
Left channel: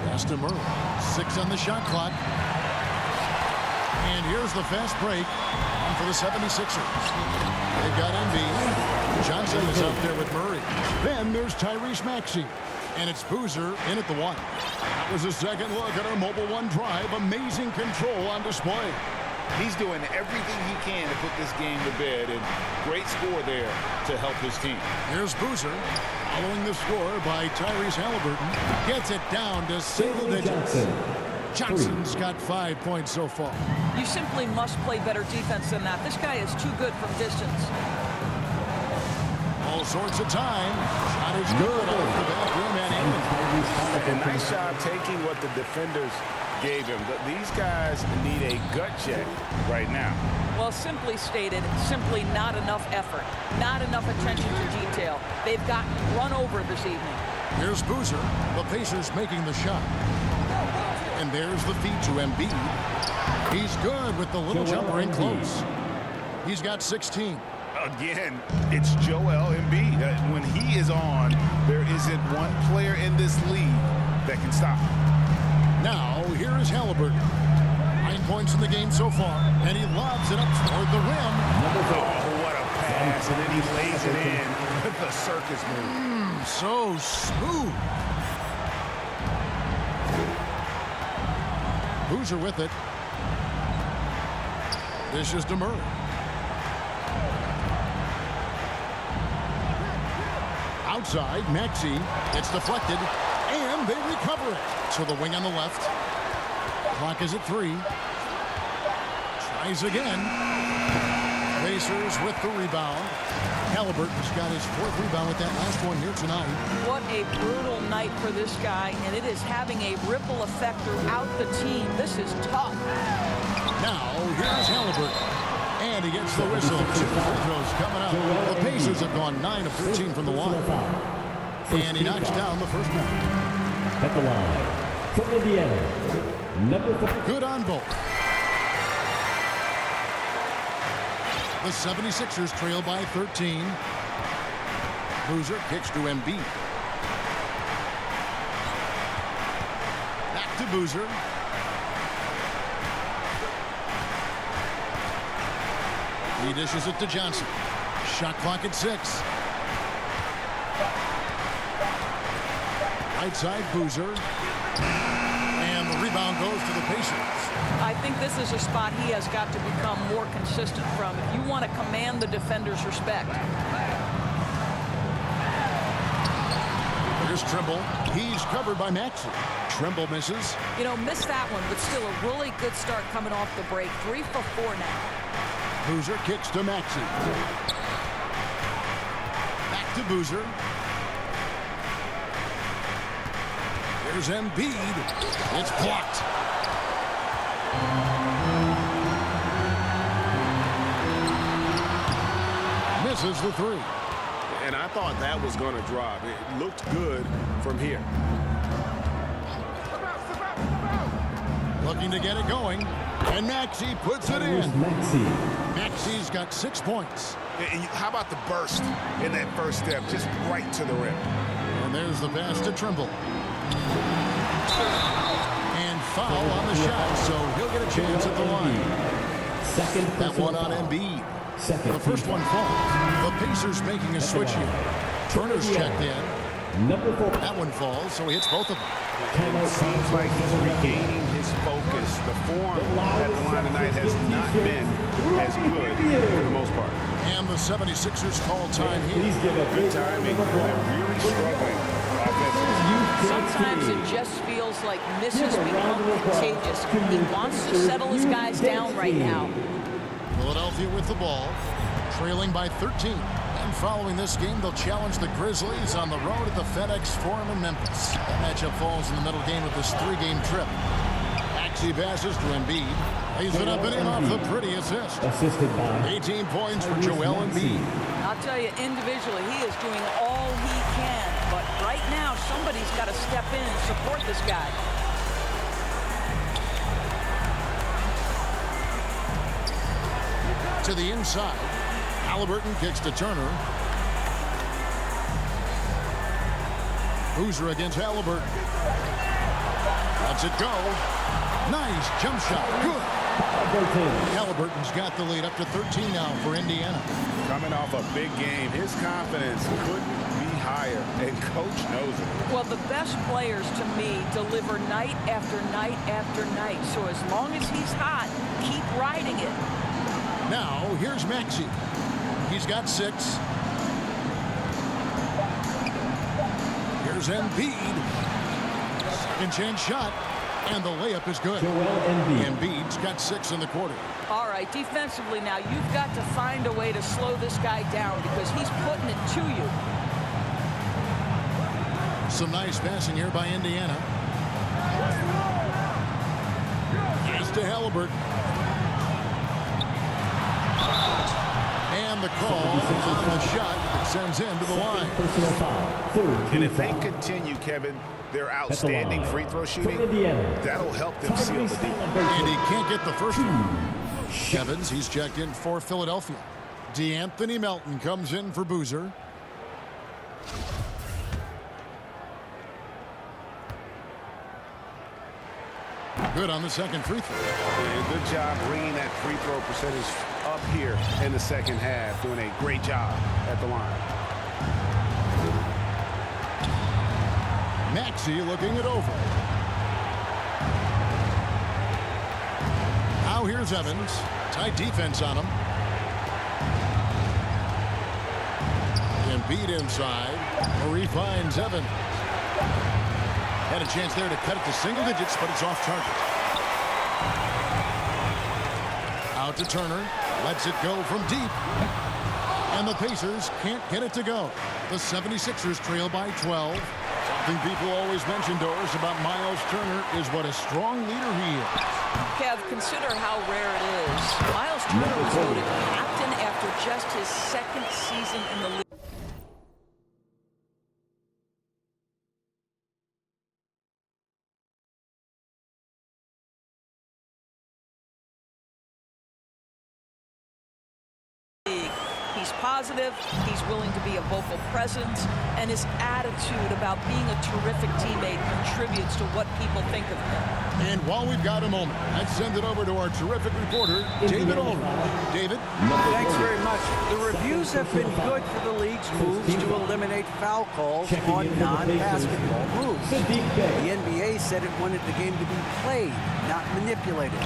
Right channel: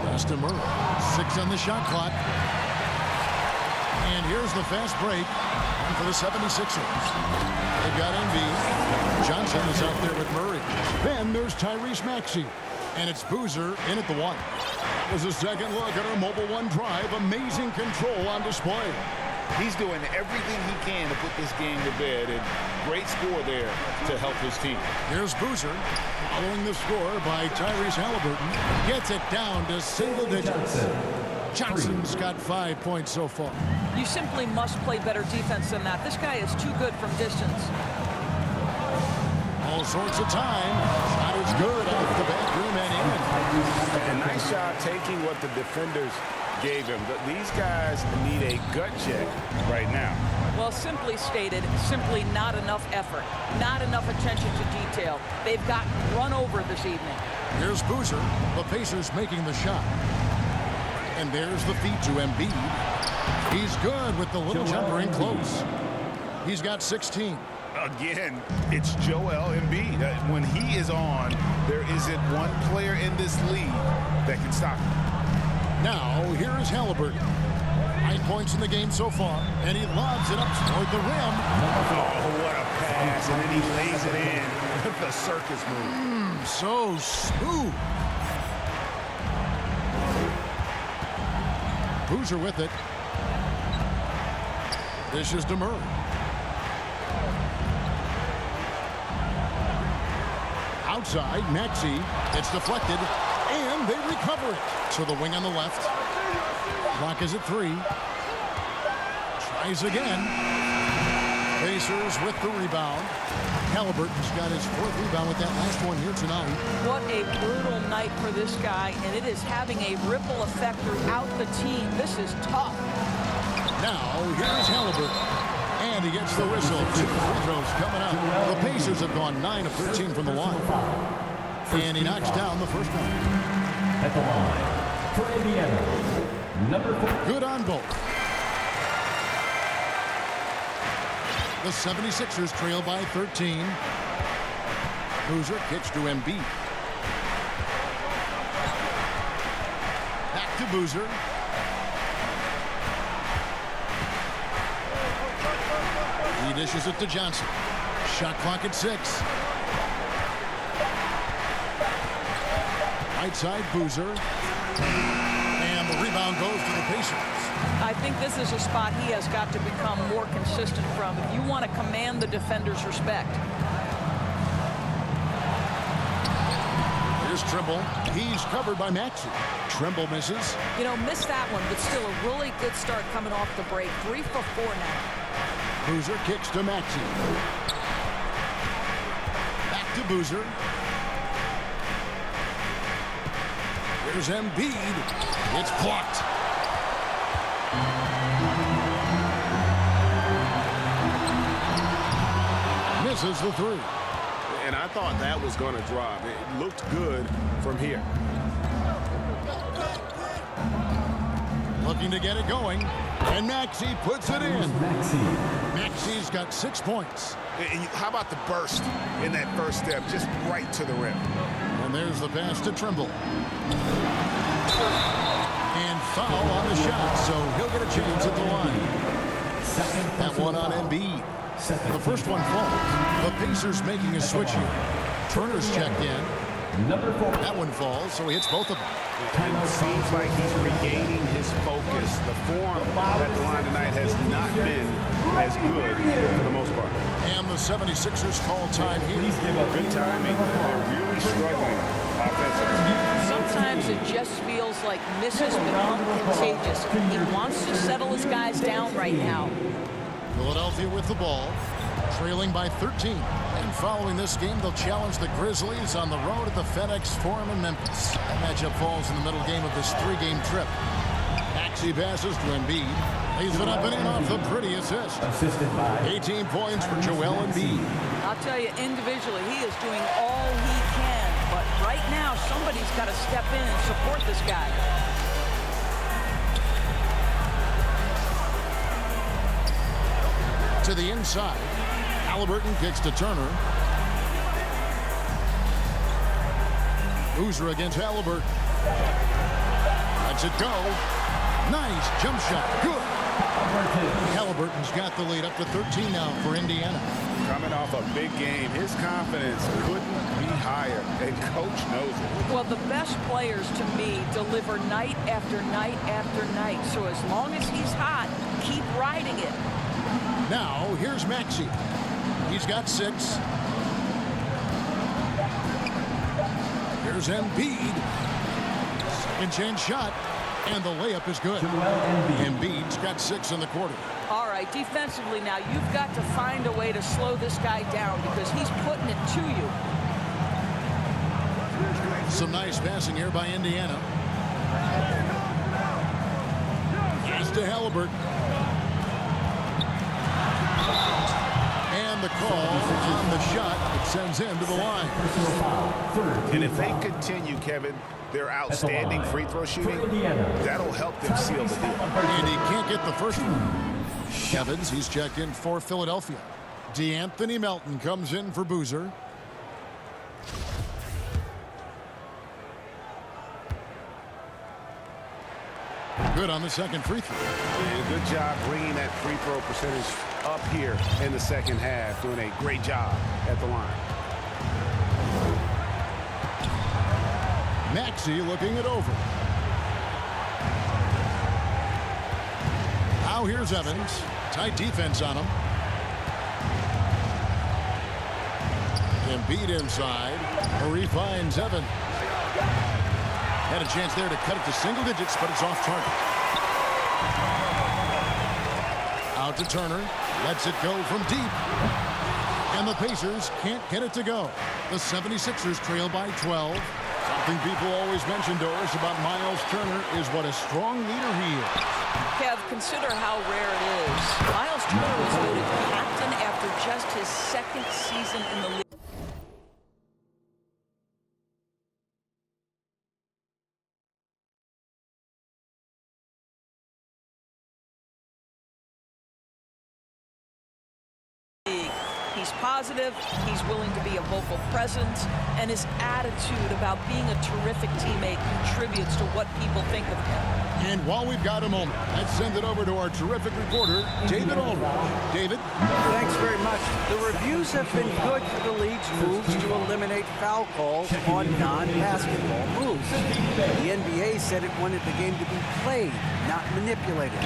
Pass to Murray. 6 on the shot clock. And here's the fast break. On for the 76ers. They've got Embiid. Johnson is out there with Murray. Then there's Tyrese Maxey. And it's Boozer in at the 1. That was a second look at our Mobile One drive. Amazing control on display. He's doing everything he can to put this game to bed, and great score there to help his team. Here's Boozer following the score by Tyrese Halliburton. Gets it down to single digits. Johnson's got 5 points so far. You simply must play better defense than that. This guy is too good from distance. All sorts of time. Shot is good off the back rim and in. A nice job taking what the defenders gave him. These guys need a gut check right now. Well, simply stated, simply not enough effort, not enough attention to detail. They've gotten run over this evening. Here's Boozer, the Pacers making the shot. And there's the feed to Embiid. He's good with the little jumper in close. He's got 16. Again, it's Joel Embiid. When he is on, there isn't one player in this league that can stop him. Now, here is Halliburton. 9 points in the game so far, and he lobs it up toward the rim. Oh, what a pass, and then he lays it in with the circus move. So smooth. Boozer with it. This is to Murray. Outside, Maxey. It's deflected, and they recover it. To the wing on the left. Clock is at 3. Tries again. Pacers with the rebound. Halliburton's got his 4th rebound with that last one here tonight. What a brutal night for this guy, and it is having a ripple effect throughout the team. This is tough. Now, here's Halliburton. And he gets the whistle. 2 free throws coming up. The Pacers have gone 9 of 13 from the line. And he knocks down the first one. At the line for Indiana, number 4. Good on both. The 76ers trail by 13. Boozer kicks to Embiid. Back to Boozer. He dishes it to Johnson. Shot clock at 6. Right side Boozer. And the rebound goes to the Pacers. I think this is a spot he has got to become more consistent from if you want to command the defender's respect. Here's Trimble. He's covered by Maxey. Trimble misses. You know, missed that one, but still a really good start coming off the break. 3 for 4 now. Boozer kicks to Maxey. Back to Boozer. Here's Embiid. It's blocked. Misses the three. And I thought that was going to drop. It looked good from here. Looking to get it going. And Maxey puts it in. Maxey's got 6 points. And how about the burst in that first step, just right to the rim? And there's the pass to Trimble. And foul on the shot, so he'll get a chance at the line. That one on Embiid. The first one falls. The Pacers making a switch here. Turner's checked in. That one falls, so he hits both of them. It seems like he's regaining his focus. The form at the line tonight has not been as good for the most part. And the 76ers call time here. Good timing. They're really struggling offensively. Sometimes it just feels like misses become contagious. He wants to settle his guys down right now. Philadelphia with the ball, trailing by 13. And following this game, they'll challenge the Grizzlies on the road at the FedEx Forum in Memphis. That matchup falls in the middle game of this 3-game trip. Maxey passes to Embiid. Lays it up and in off the pretty assist. Assisted by 18 points for Joel Embiid. I'll tell you, individually, he is doing all he can. But right now, somebody's got to step in and support this guy. To the inside. Halliburton kicks to Turner. Boozer against Halliburton. Lets it go. Nice jump shot. Good. Halliburton's got the lead up to 13 now for Indiana. Coming off a big game, his confidence couldn't be higher, and coach knows it. Well, the best players, to me, deliver night after night after night. So as long as he's hot, keep riding it. Now, here's Maxey. He's got 6. Here's Embiid. Second chance shot. And the layup is good. Embiid's got 6 in the quarter. All right, defensively now, you've got to find a way to slow this guy down because he's putting it to you. Some nice passing here by Indiana. Pass to Halliburton. And the call on the shot that sends him to the line. And if they continue, Kevin, their outstanding free throw shooting, that'll help them seal the deal. And he can't get the first one. Evans, he's checked in for Philadelphia. DeAnthony Melton comes in for Boozer. Good on the second free throw. And good job bringing that free throw percentage up here in the second half. Doing a great job at the line. Maxey looking it over. Now here's Evans. Tight defense on him. Embiid inside. Murray finds Evans. Had a chance there to cut it to single digits, but it's off target. Out to Turner. Lets it go from deep. And the Pacers can't get it to go. The 76ers trail by 12. Something people always mention, Doris, about Miles Turner is what a strong leader he is. Kev, consider how rare it is. Miles Turner was voted captain after just his second season in the league. He's positive, he's willing to be a vocal presence, and his attitude about being a terrific teammate contributes to what people think of him. And while we've got a moment, let's send it over to our terrific reporter, David Aldridge. David? Thanks very much. The reviews have been good for the league's moves to eliminate foul calls on non-basketball moves. The NBA said it wanted the game to be played, not manipulated.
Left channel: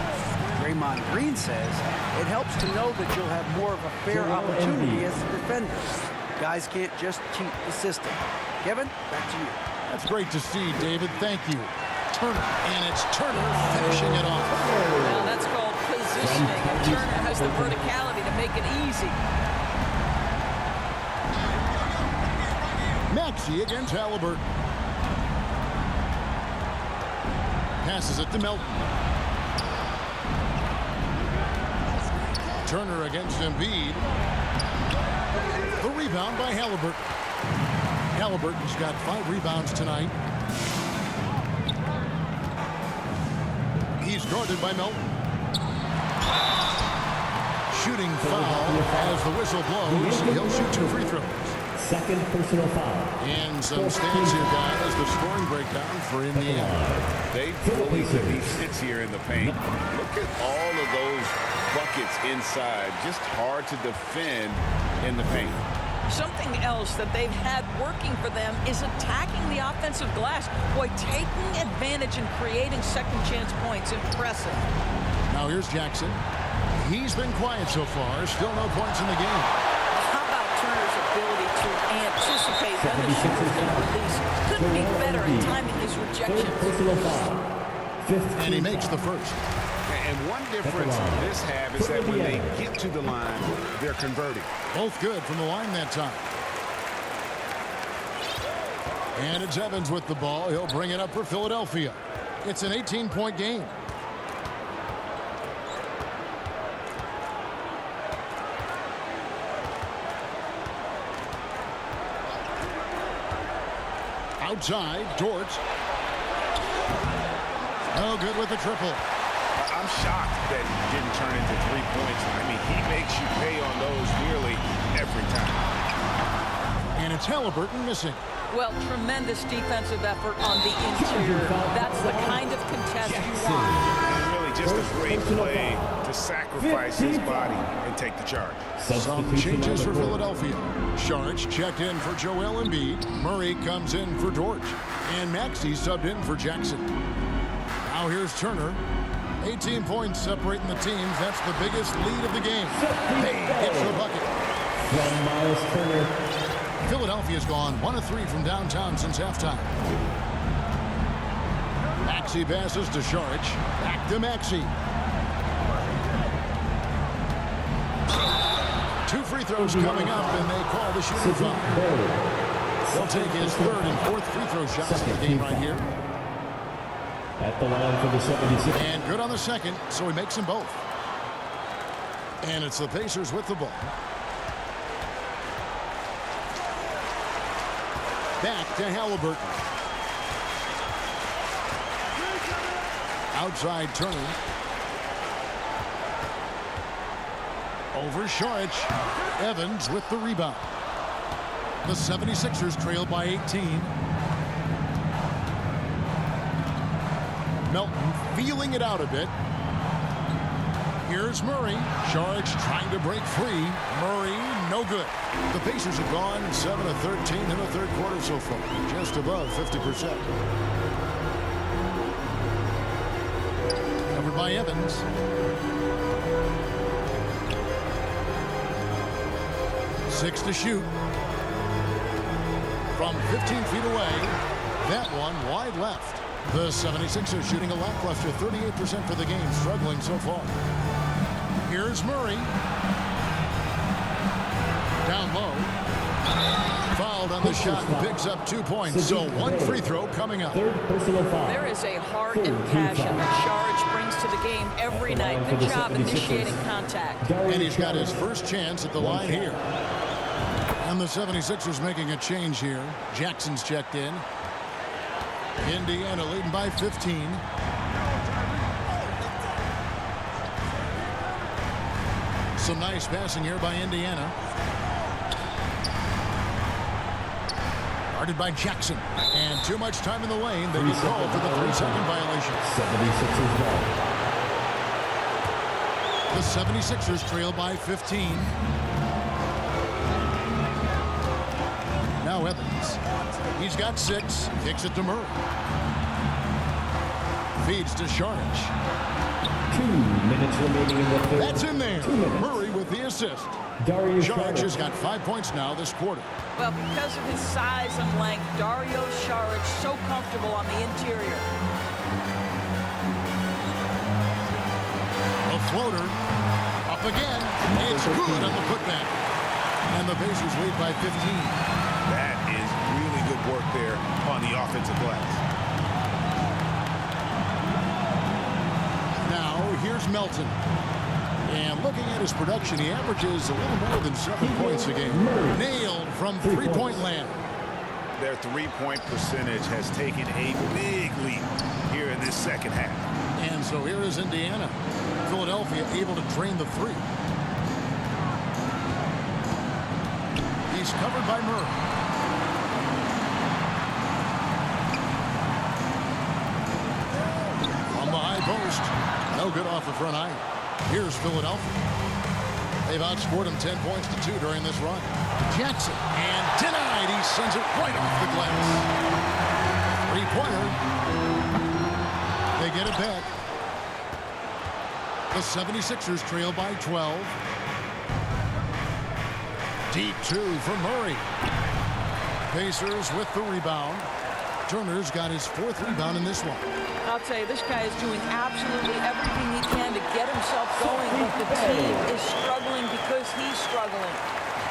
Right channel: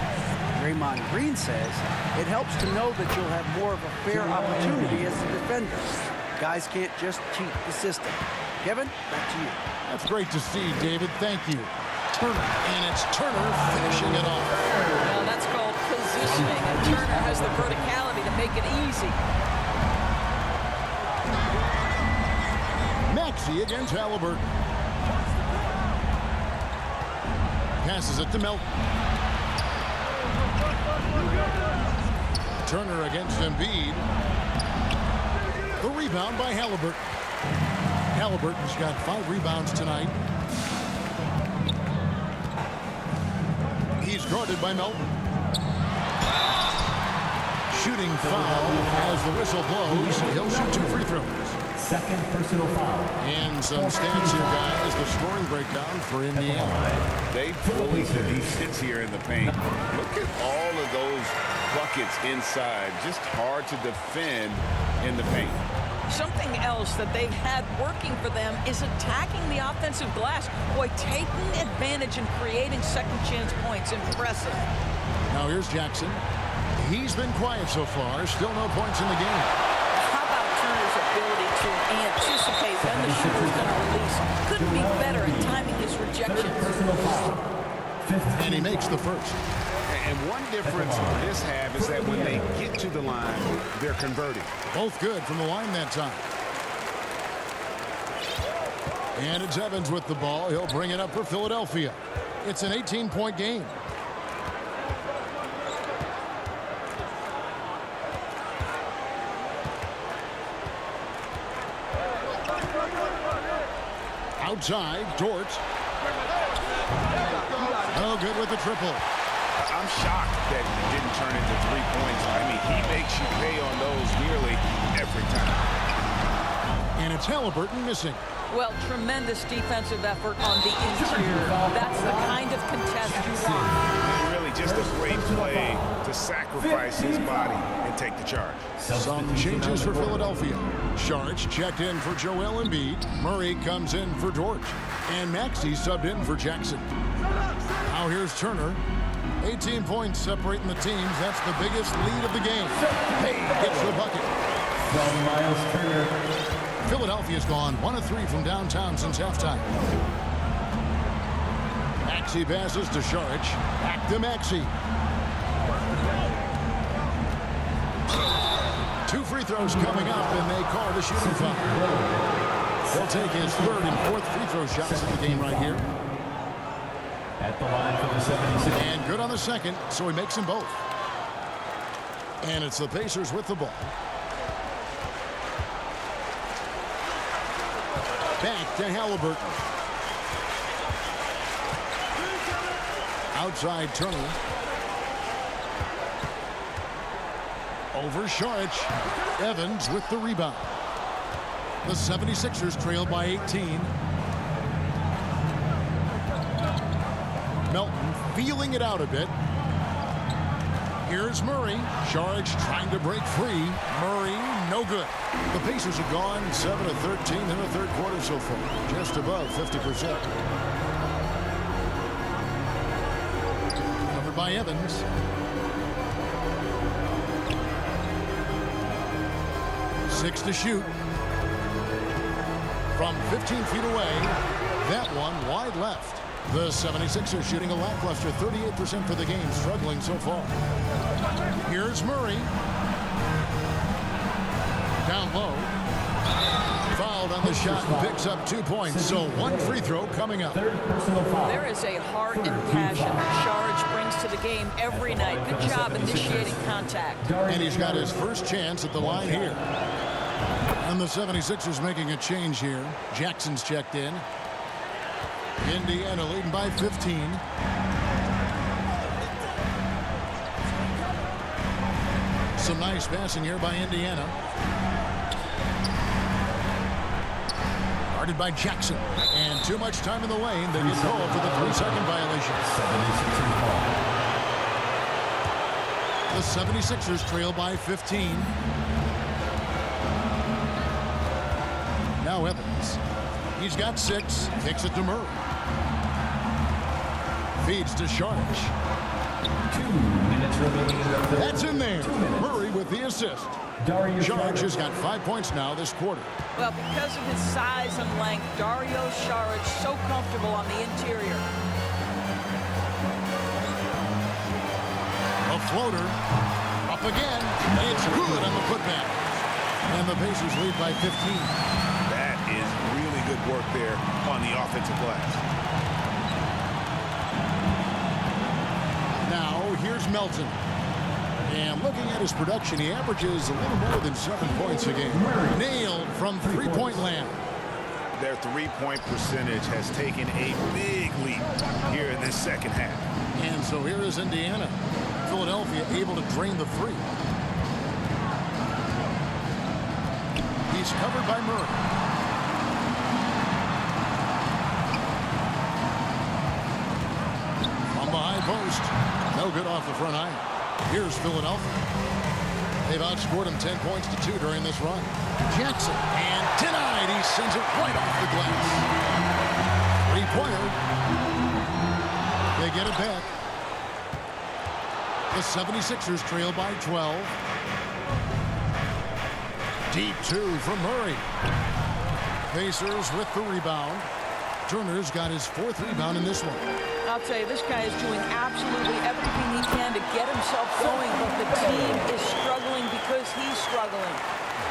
Draymond Green says it helps to know that you'll have more of a fair opportunity as a defender. Guys can't just cheat the system. Kevin, back to you. That's great to see, David. Thank you. Turner, and it's Turner finishing it off. Well, that's called positioning, and Turner has the verticality to make it easy. Maxey against Halliburton. Passes it to Melton. Turner against Embiid. The rebound by Halliburton. Halliburton's got 5 rebounds tonight. He's guarded by Melton. Shooting foul as the whistle blows. He'll shoot 2 free throws. Second personal foul. And some stats here, guys. The scoring breakdown for Indiana. They bully that he sits here in the paint. Look at all of those buckets inside. Just hard to defend in the paint. Something else that they've had working for them is attacking the offensive glass. Boy, taking advantage and creating second chance points. Impressive. Now here's Jackson. He's been quiet so far. Still no points in the game. How about Turner's ability to anticipate when the shooter's going to release? Couldn't be better at timing his rejections. Personal foul. And he makes the first. And one difference this half is that when they get to the line, they're converting. Both good from the line that time. And it's Evans with the ball. He'll bring it up for Philadelphia. It's an 18-point game. Outside, Dort. Oh, good with the triple. I'm shocked that it didn't turn into 3 points. I mean, he makes you pay on those nearly every time. And it's Halliburton missing. Well, tremendous defensive effort on the interior. That's the kind of contest you want. And really just a great play to sacrifice his body and take the charge. Some changes for Philadelphia. Saric checked in for Joel Embiid. Murray comes in for Dort. And Maxey subbed in for Jackson. Now here's Turner. 18 points separating the teams. That's the biggest lead of the game. Hey, gets the bucket. From Miles Turner. Philadelphia's gone 1 of 3 from downtown since halftime. Maxey passes to Saric. Back to Maxey. 2 free throws coming up, and they call the shooting foul. He'll take his 3rd and 4th free throw shots of the game right here. At the line for the 76ers. And good on the second, so he makes them both. And it's the Pacers with the ball. Back to Halliburton. Outside Turner. Over Saric. Evans with the rebound. The 76ers trail by 18. Melton feeling it out a bit. Here's Murray. Saric trying to break free. Murray, no good. The Pacers have gone 7 of 13 in the 3rd quarter so far. Just above 50%. Covered by Evans. Six to shoot. From 15 feet away. That one wide left. The 76ers shooting a lackluster 38% for the game, struggling so far. Here's Murray. Down low. Fouled on the shot and picks up 2 points. So 1 free throw coming up. 3rd personal foul. There is a heart and passion that Saric brings to the game every night. Good job initiating contact. And he's got his first chance at the line here. And the 76ers making a change here. Jackson's checked in. Indiana leading by 15. Some nice passing here by Indiana. Guarded by Jackson. And too much time in the lane. They get called for the 3-second violation. 76ers ball. The 76ers trail by 15. Now Evans. He's got 6. Kicks it to Murray. Feeds to Šarić. 2 minutes remaining in the third. That's in there. 2 minutes. Murray with the assist. Dario Šarić has got 5 points now this quarter. Well, because of his size and length, Dario Šarić so comfortable on the interior. A floater. Up again. It's good on the putback. And the Pacers lead by 15. That is really good work there on the offensive glass. Now, here's Melton. And looking at his production, he averages a little more than 7 points a game. Nailed from three-point land. Their three-point percentage has taken a big leap here in this second half. And so here is Indiana. Philadelphia able to drain the three. He's covered by Murray. From the high post. No good off the front iron. Here's Philadelphia. They've outscored him 10 points to 2 during this run. Jackson, and denied. He sends it right off the glass. Three-pointer. They get it back. The 76ers trail by 12. Deep 2 from Murray. Pacers with the rebound. Turner's got his 4th rebound in this one. I'll tell you, this guy is doing absolutely everything he can to get himself going, but the team is struggling because he's struggling.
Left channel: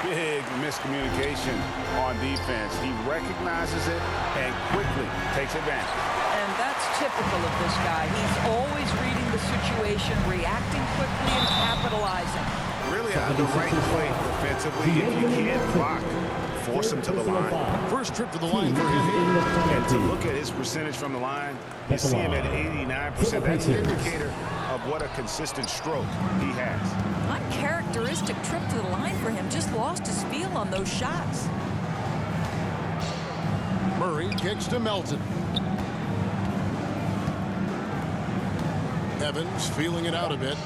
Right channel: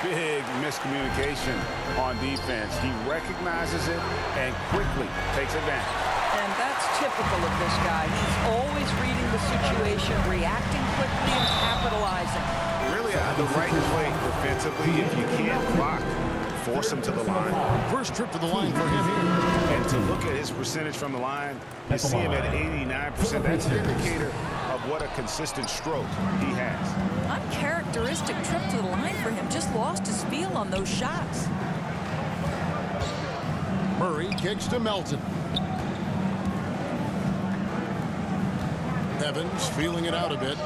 Big miscommunication on defense. He recognizes it and quickly takes advantage. And that's typical of this guy. He's always reading the situation, reacting quickly, and capitalizing. Really the right play defensively. If you can't block, force him to the line. First trip to the line for him here. And to look at his percentage from the line, you see him at 89%. That's an indicator of what a consistent stroke he has. Uncharacteristic trip to the line for him. Just lost his feel on those shots. Murray kicks to Melton. Evans feeling it out a bit.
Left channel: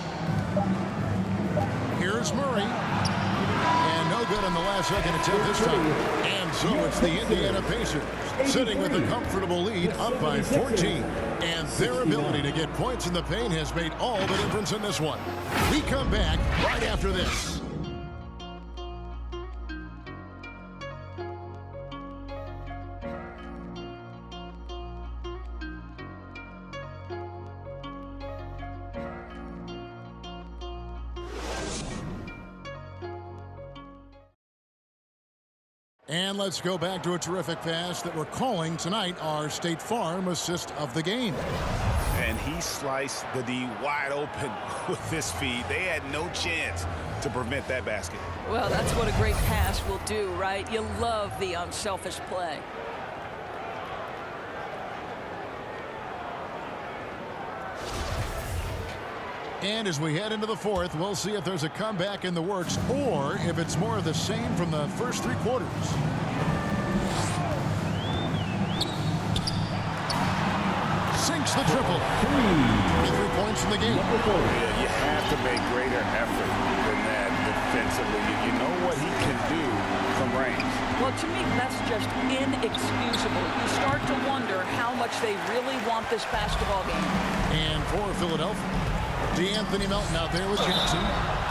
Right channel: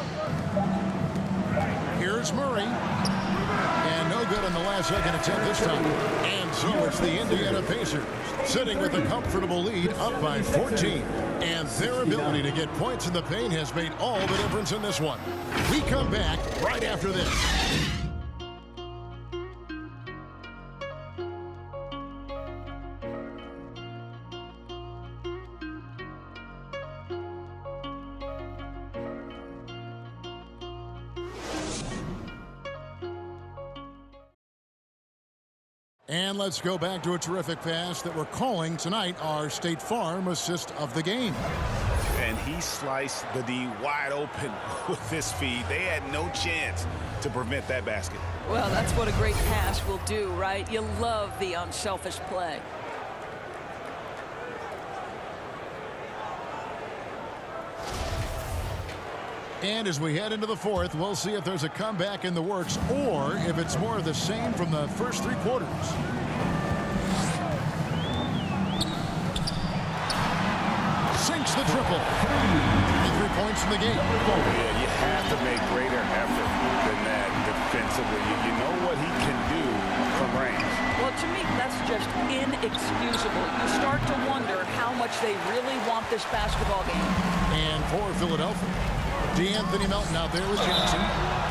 Here's Murray. And no good on the last second attempt this time. And so it's the Indiana Pacers sitting with a comfortable lead up by 14. And their ability to get points in the paint has made all the difference in this one. We come back right after this. And let's go back to a terrific pass that we're calling tonight our State Farm assist of the game. And he sliced the D wide open with this feed. They had no chance to prevent that basket. Well, that's what a great pass will do, right? You love the unselfish play. And as we head into the fourth, we'll see if there's a comeback in the works or if it's more of the same from the first 3 quarters. Sinks the triple. 23 points in the game. Yeah, you have to make greater effort than that defensively. You know what he can do from range. Well, to me, that's just inexcusable. You start to wonder how much they really want this basketball game. And for Philadelphia, De'Anthony Melton out there with Jackson.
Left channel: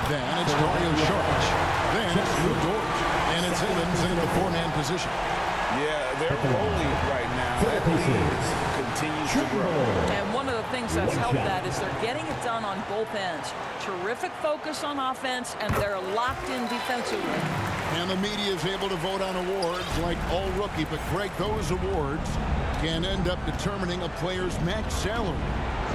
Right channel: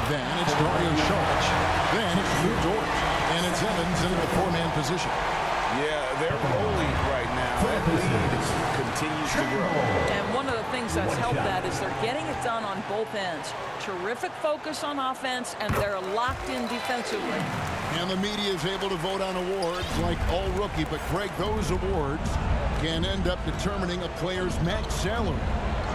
Then it's Dario Šarić. Then it's Lu Dort. And it's Evans in the 4-man position. Yeah, they're rolling right now. That lead continues to grow. And one of the things that's helped that is they're getting it done on both ends. Terrific focus on offense, and they're locked in defensively. And the media is able to vote on awards like All Rookie, but Greg, those awards can end up determining a player's max salary.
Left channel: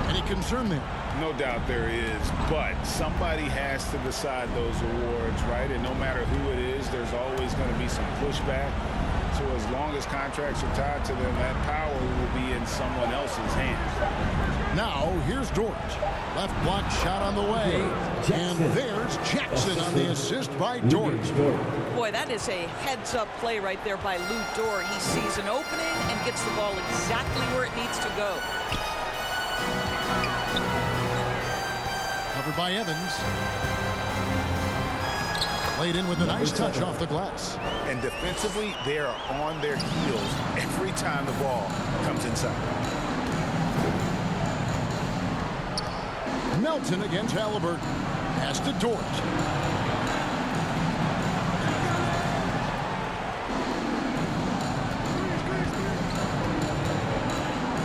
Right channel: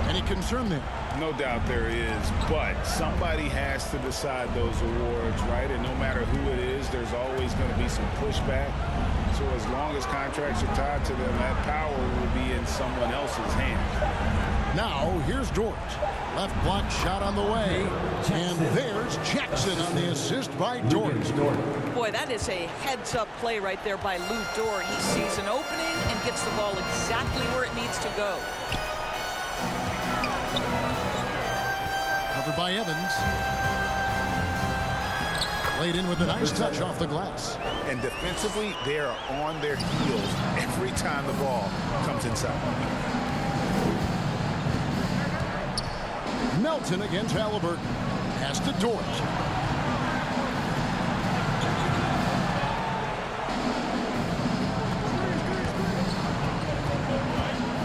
Any concern there? No doubt there is, but somebody has to decide those awards, right? And no matter who it is, there's always going to be some pushback. So as long as contracts are tied to them, that power will be in someone else's hands. Now, here's Dort. Left block shot on the way. And there's Jackson on the assist by Dort. Boy, that is a heads-up play right there by Lou Dort. He sees an opening and gets the ball exactly where it needs to go. Covered by Evans. Laid in with a nice touch off the glass. And defensively, they are on their heels every time the ball comes inside. Melton against Halliburton. Pass to Dort.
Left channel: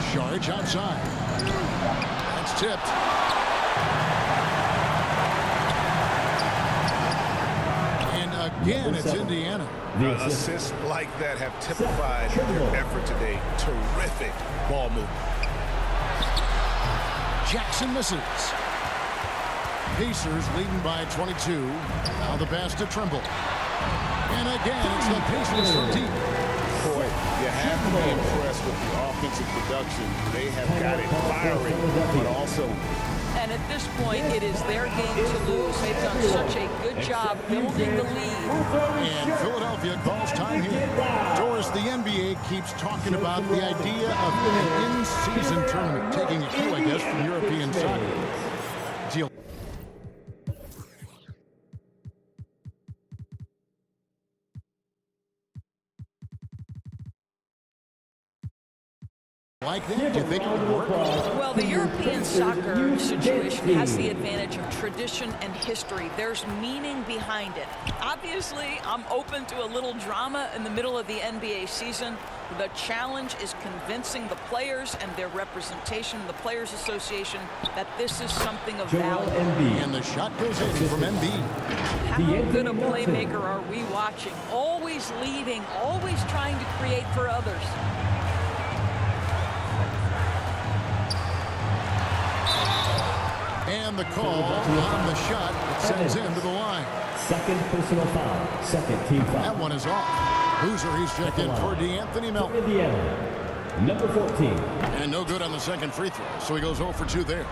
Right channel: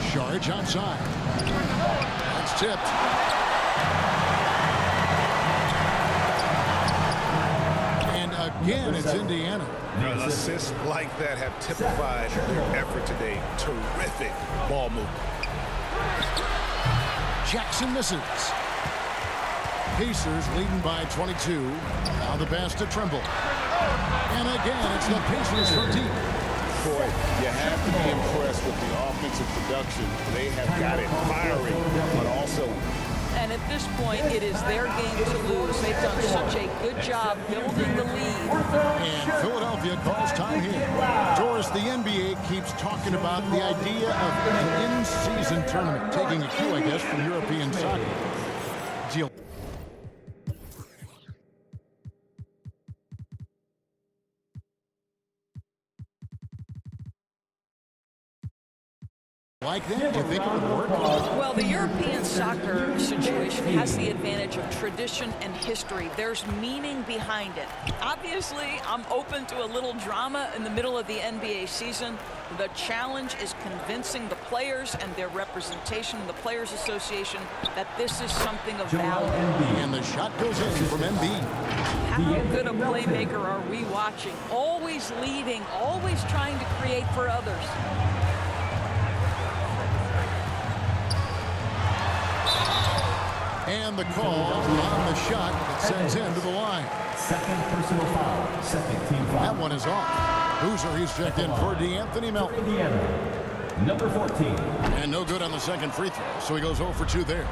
Saric outside. That's tipped. And again, it's Indiana. Assists like that have typified their effort today. Terrific ball movement. Jackson misses. Pacers leading by 22. Now the pass to Trimble. And again, it's the Pacers from deep. Boy, you have to be impressed with the offensive production. They have got it firing on all cylinders. And at this point, it is their game to lose. They've done such a good job building the lead. And Philadelphia calls time here. Doris, the NBA keeps talking about the idea of an in-season tournament, taking a cue, I guess, from European soccer. Deal. Like that? Do you think it would work? Well, the European soccer situation has the advantage of tradition and history. There's meaning behind it. Obviously, I'm open to a little drama in the middle of the NBA season. The challenge is convincing the players and their representation in the Players Association that this is something of value. And the shot goes in from Embiid. How good a playmaker are we watching? Always leading, always trying to create for others. And the call on the shot that sends him to the line. Second personal foul. Second team foul. That one is off. Boozer, he's checked in for DeAnthony Melton. Indiana, number 14. And no good on the second free throw, so he goes 0 for 2 there.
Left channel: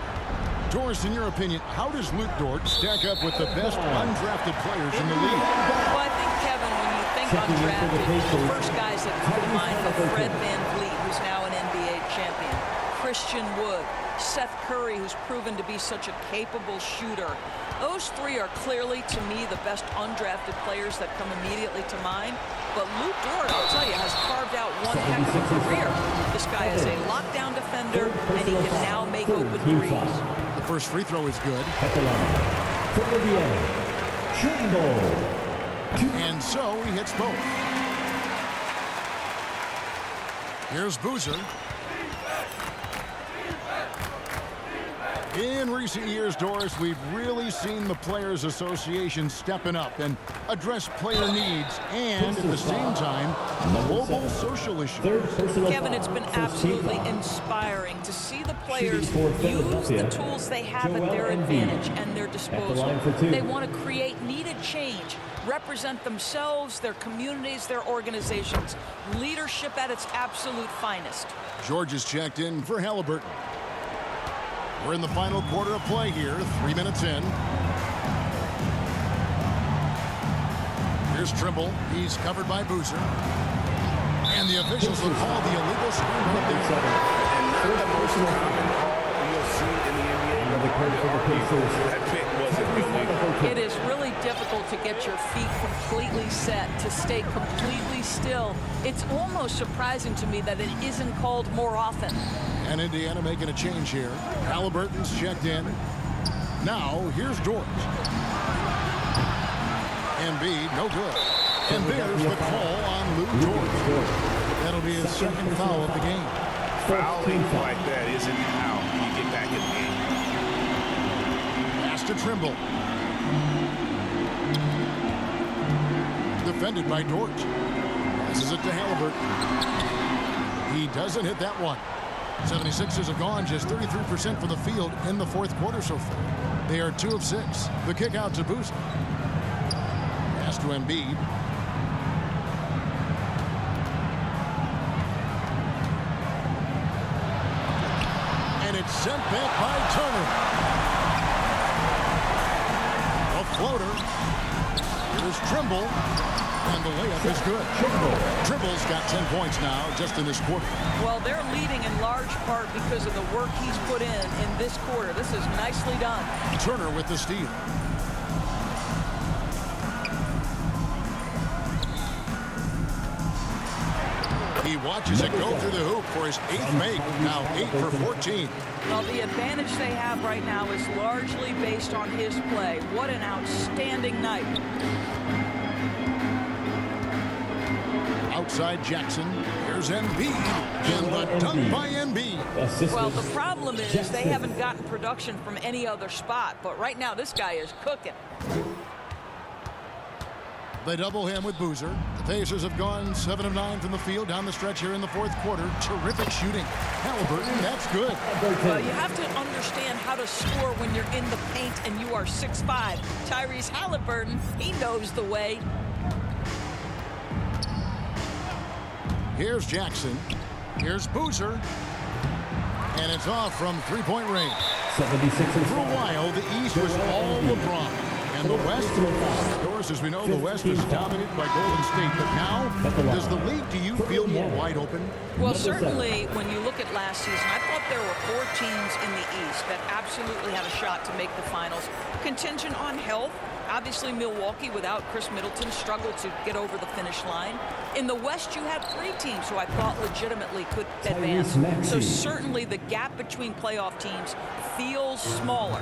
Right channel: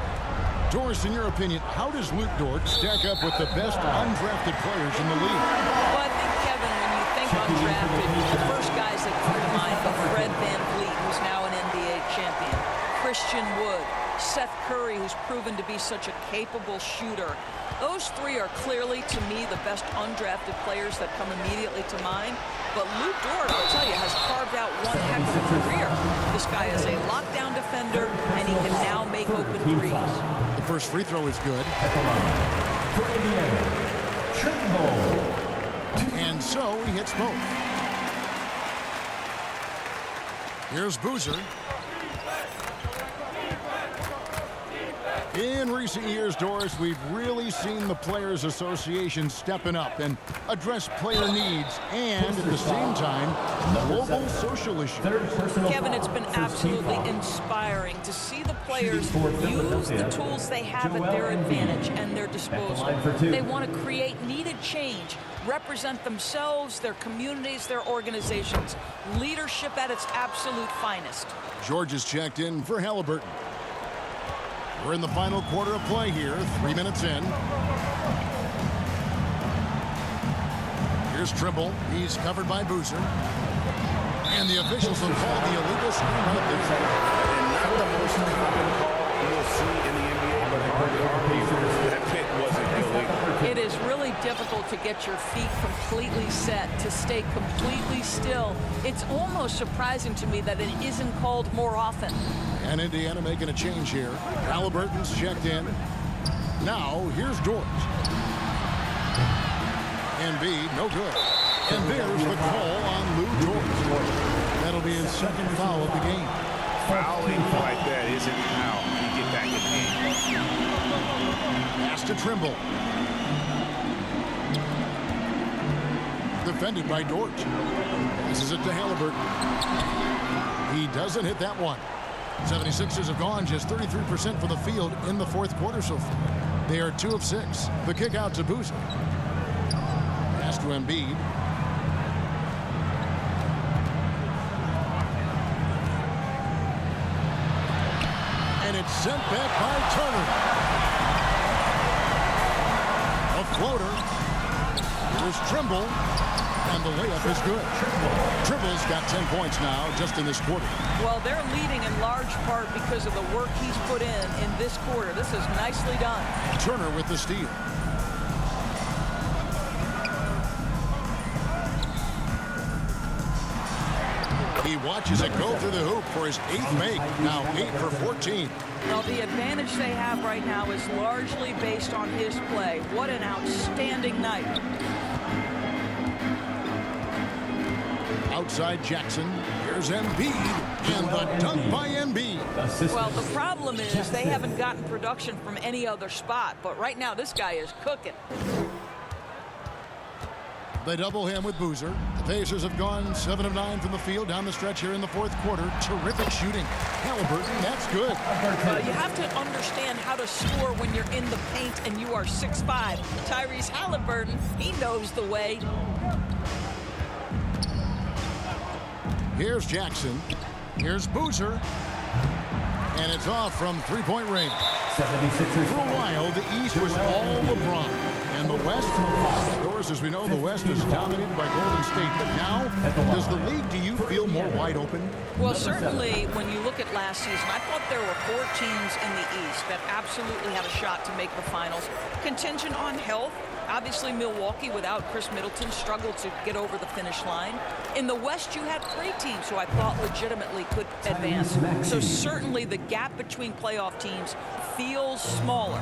Doris, in your opinion, how does Luke Dort stack up with the best undrafted players in the league? Well, I think, Kevin, when you think undrafted, the first guys that come to mind are Fred VanVleet, who's now an NBA champion, Christian Wood, Seth Curry, who's proven to be such a capable shooter. Those three are clearly, to me, the best undrafted players that come immediately to mind. But Luke Dort, I'll tell you, has carved out one heck of a career. This guy is a lockdown defender, and he can now make open threes. The first free throw is good. At the line, for Indiana, Trimble. And so he hits both. Here's Boozer. In recent years, Doris, we've really seen the Players Association stepping up and address player needs and, at the same time, global social issues. Kevin, it's been absolutely inspiring to see the players use the tools they have at their advantage and their disposal. They want to create needed change, represent themselves, their communities, their organizations. Leadership at its absolute finest. George is checked in for Halliburton. We're in the final quarter of play here, 3 minutes in. Here's Trimble. He's covered by Boozer. And the officials will call the illegal screen right there. And not the most common call you'll see in the NBA, but hard to argue that pick wasn't illegal. It is really difficult to get your feet completely set, to stay completely still. It's almost surprising to me that it isn't called more often. And Indiana making a change here. Halliburton's checked in. Now, here's Dort. Embiid, no good. And there's the call on Lou Dort. That'll be his second foul of the game. Fouling like that isn't how you get back in the game. Pass to Trimble. Defended by Dort. Passes it to Halliburton. He doesn't hit that one. 76ers have gone just 33% from the field in the fourth quarter so far. They are 2 of 6. The kick out to Boozer. Pass to Embiid. And it's sent back by Turner. A floater. Here's Trimble. And the layup is good. Trimble's got 10 points now just in this quarter. Well, they're leading in large part because of the work he's put in this quarter. This is nicely done. Turner with the steal. He watches it go through the hoop for his 8th make. Now 8 for 14. Well, the advantage they have right now is largely based on his play. What an outstanding night. Outside Jackson. Here's Embiid. And the dunk by Embiid. Well, the problem is they haven't gotten production from any other spot. But right now, this guy is cooking. They double him with Boozer. The Pacers have gone 7 of 9 from the field down the stretch here in the fourth quarter. Terrific shooting. Halliburton, that's good. Well, you have to understand how to score when you're in the paint and you are 6'5". Tyrese Halliburton, he knows the way. Here's Jackson. Here's Boozer. And it's off from three-point range. 76ers. For a while, the East was all LeBron. And the West, of course, as we know, the West is dominated by Golden State. But now, does the league, do you feel more wide open? Well, certainly, when you look at last season, I thought there were 4 teams in the East that absolutely had a shot to make the finals. Contingent on health. Obviously, Milwaukee, without Chris Middleton, struggled to get over the finish line. In the West, you had 3 teams who I thought legitimately could advance. So certainly the gap between playoff teams feels smaller.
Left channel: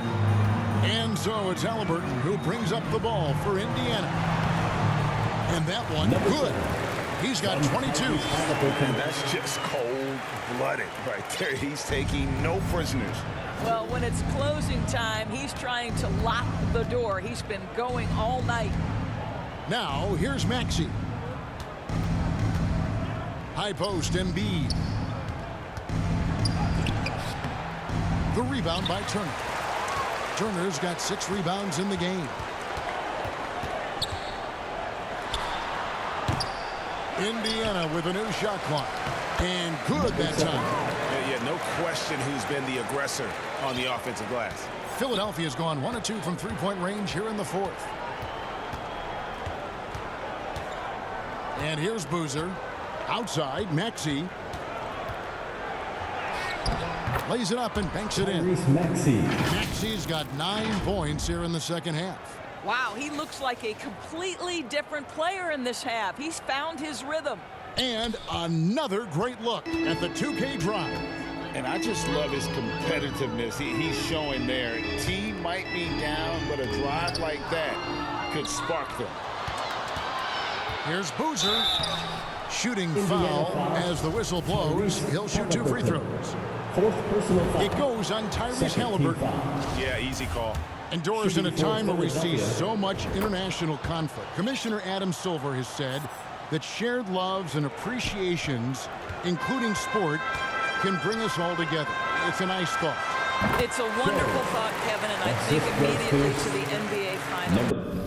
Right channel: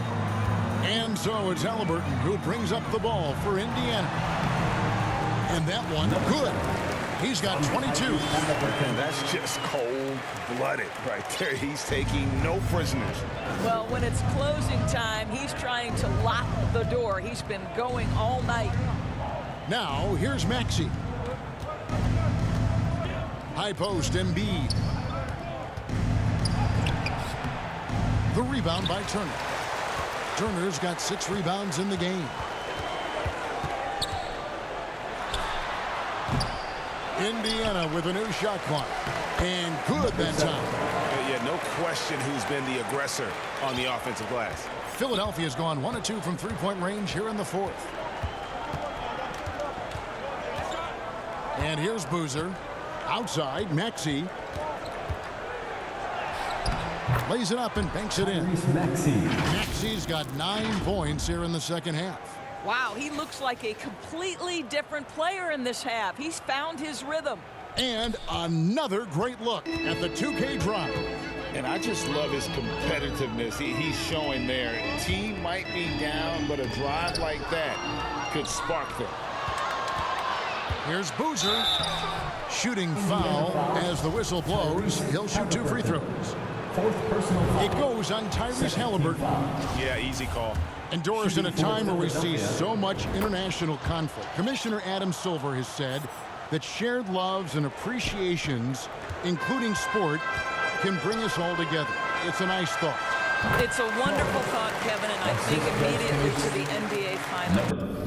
And so it's Halliburton who brings up the ball for Indiana. And that one, good. He's got 22. And that's just cold-blooded right there. He's taking no prisoners. Well, when it's closing time, he's trying to lock the door. He's been going all night. Now, here's Maxey. High post, Embiid. The rebound by Turner. Turner's got 6 rebounds in the game. Indiana with a new shot clock. And good that time. Yeah, no question who's been the aggressor on the offensive glass. Philadelphia's gone 1 of 2 from three-point range here in the fourth. And here's Boozer. Outside, Maxey. Lays it up and banks it in. Maxey's got 9 points here in the second half. Wow, he looks like a completely different player in this half. He's found his rhythm. And another great look at the 2K drive. And I just love his competitiveness he's showing there. Team might be down, but a drive like that could spark them. Here's Boozer. Shooting foul as the whistle blows. He'll shoot 2 free throws. 4th personal foul. It goes on Tyrese Halliburton. Yeah, easy call. And Doris, in a time where we see so much international conflict, Commissioner Adam Silver has said that shared loves and appreciations, including sport, can bring us all together. It's a nice thought. It's a wonderful thought, Kevin, and I think immediately to the NBA Finals.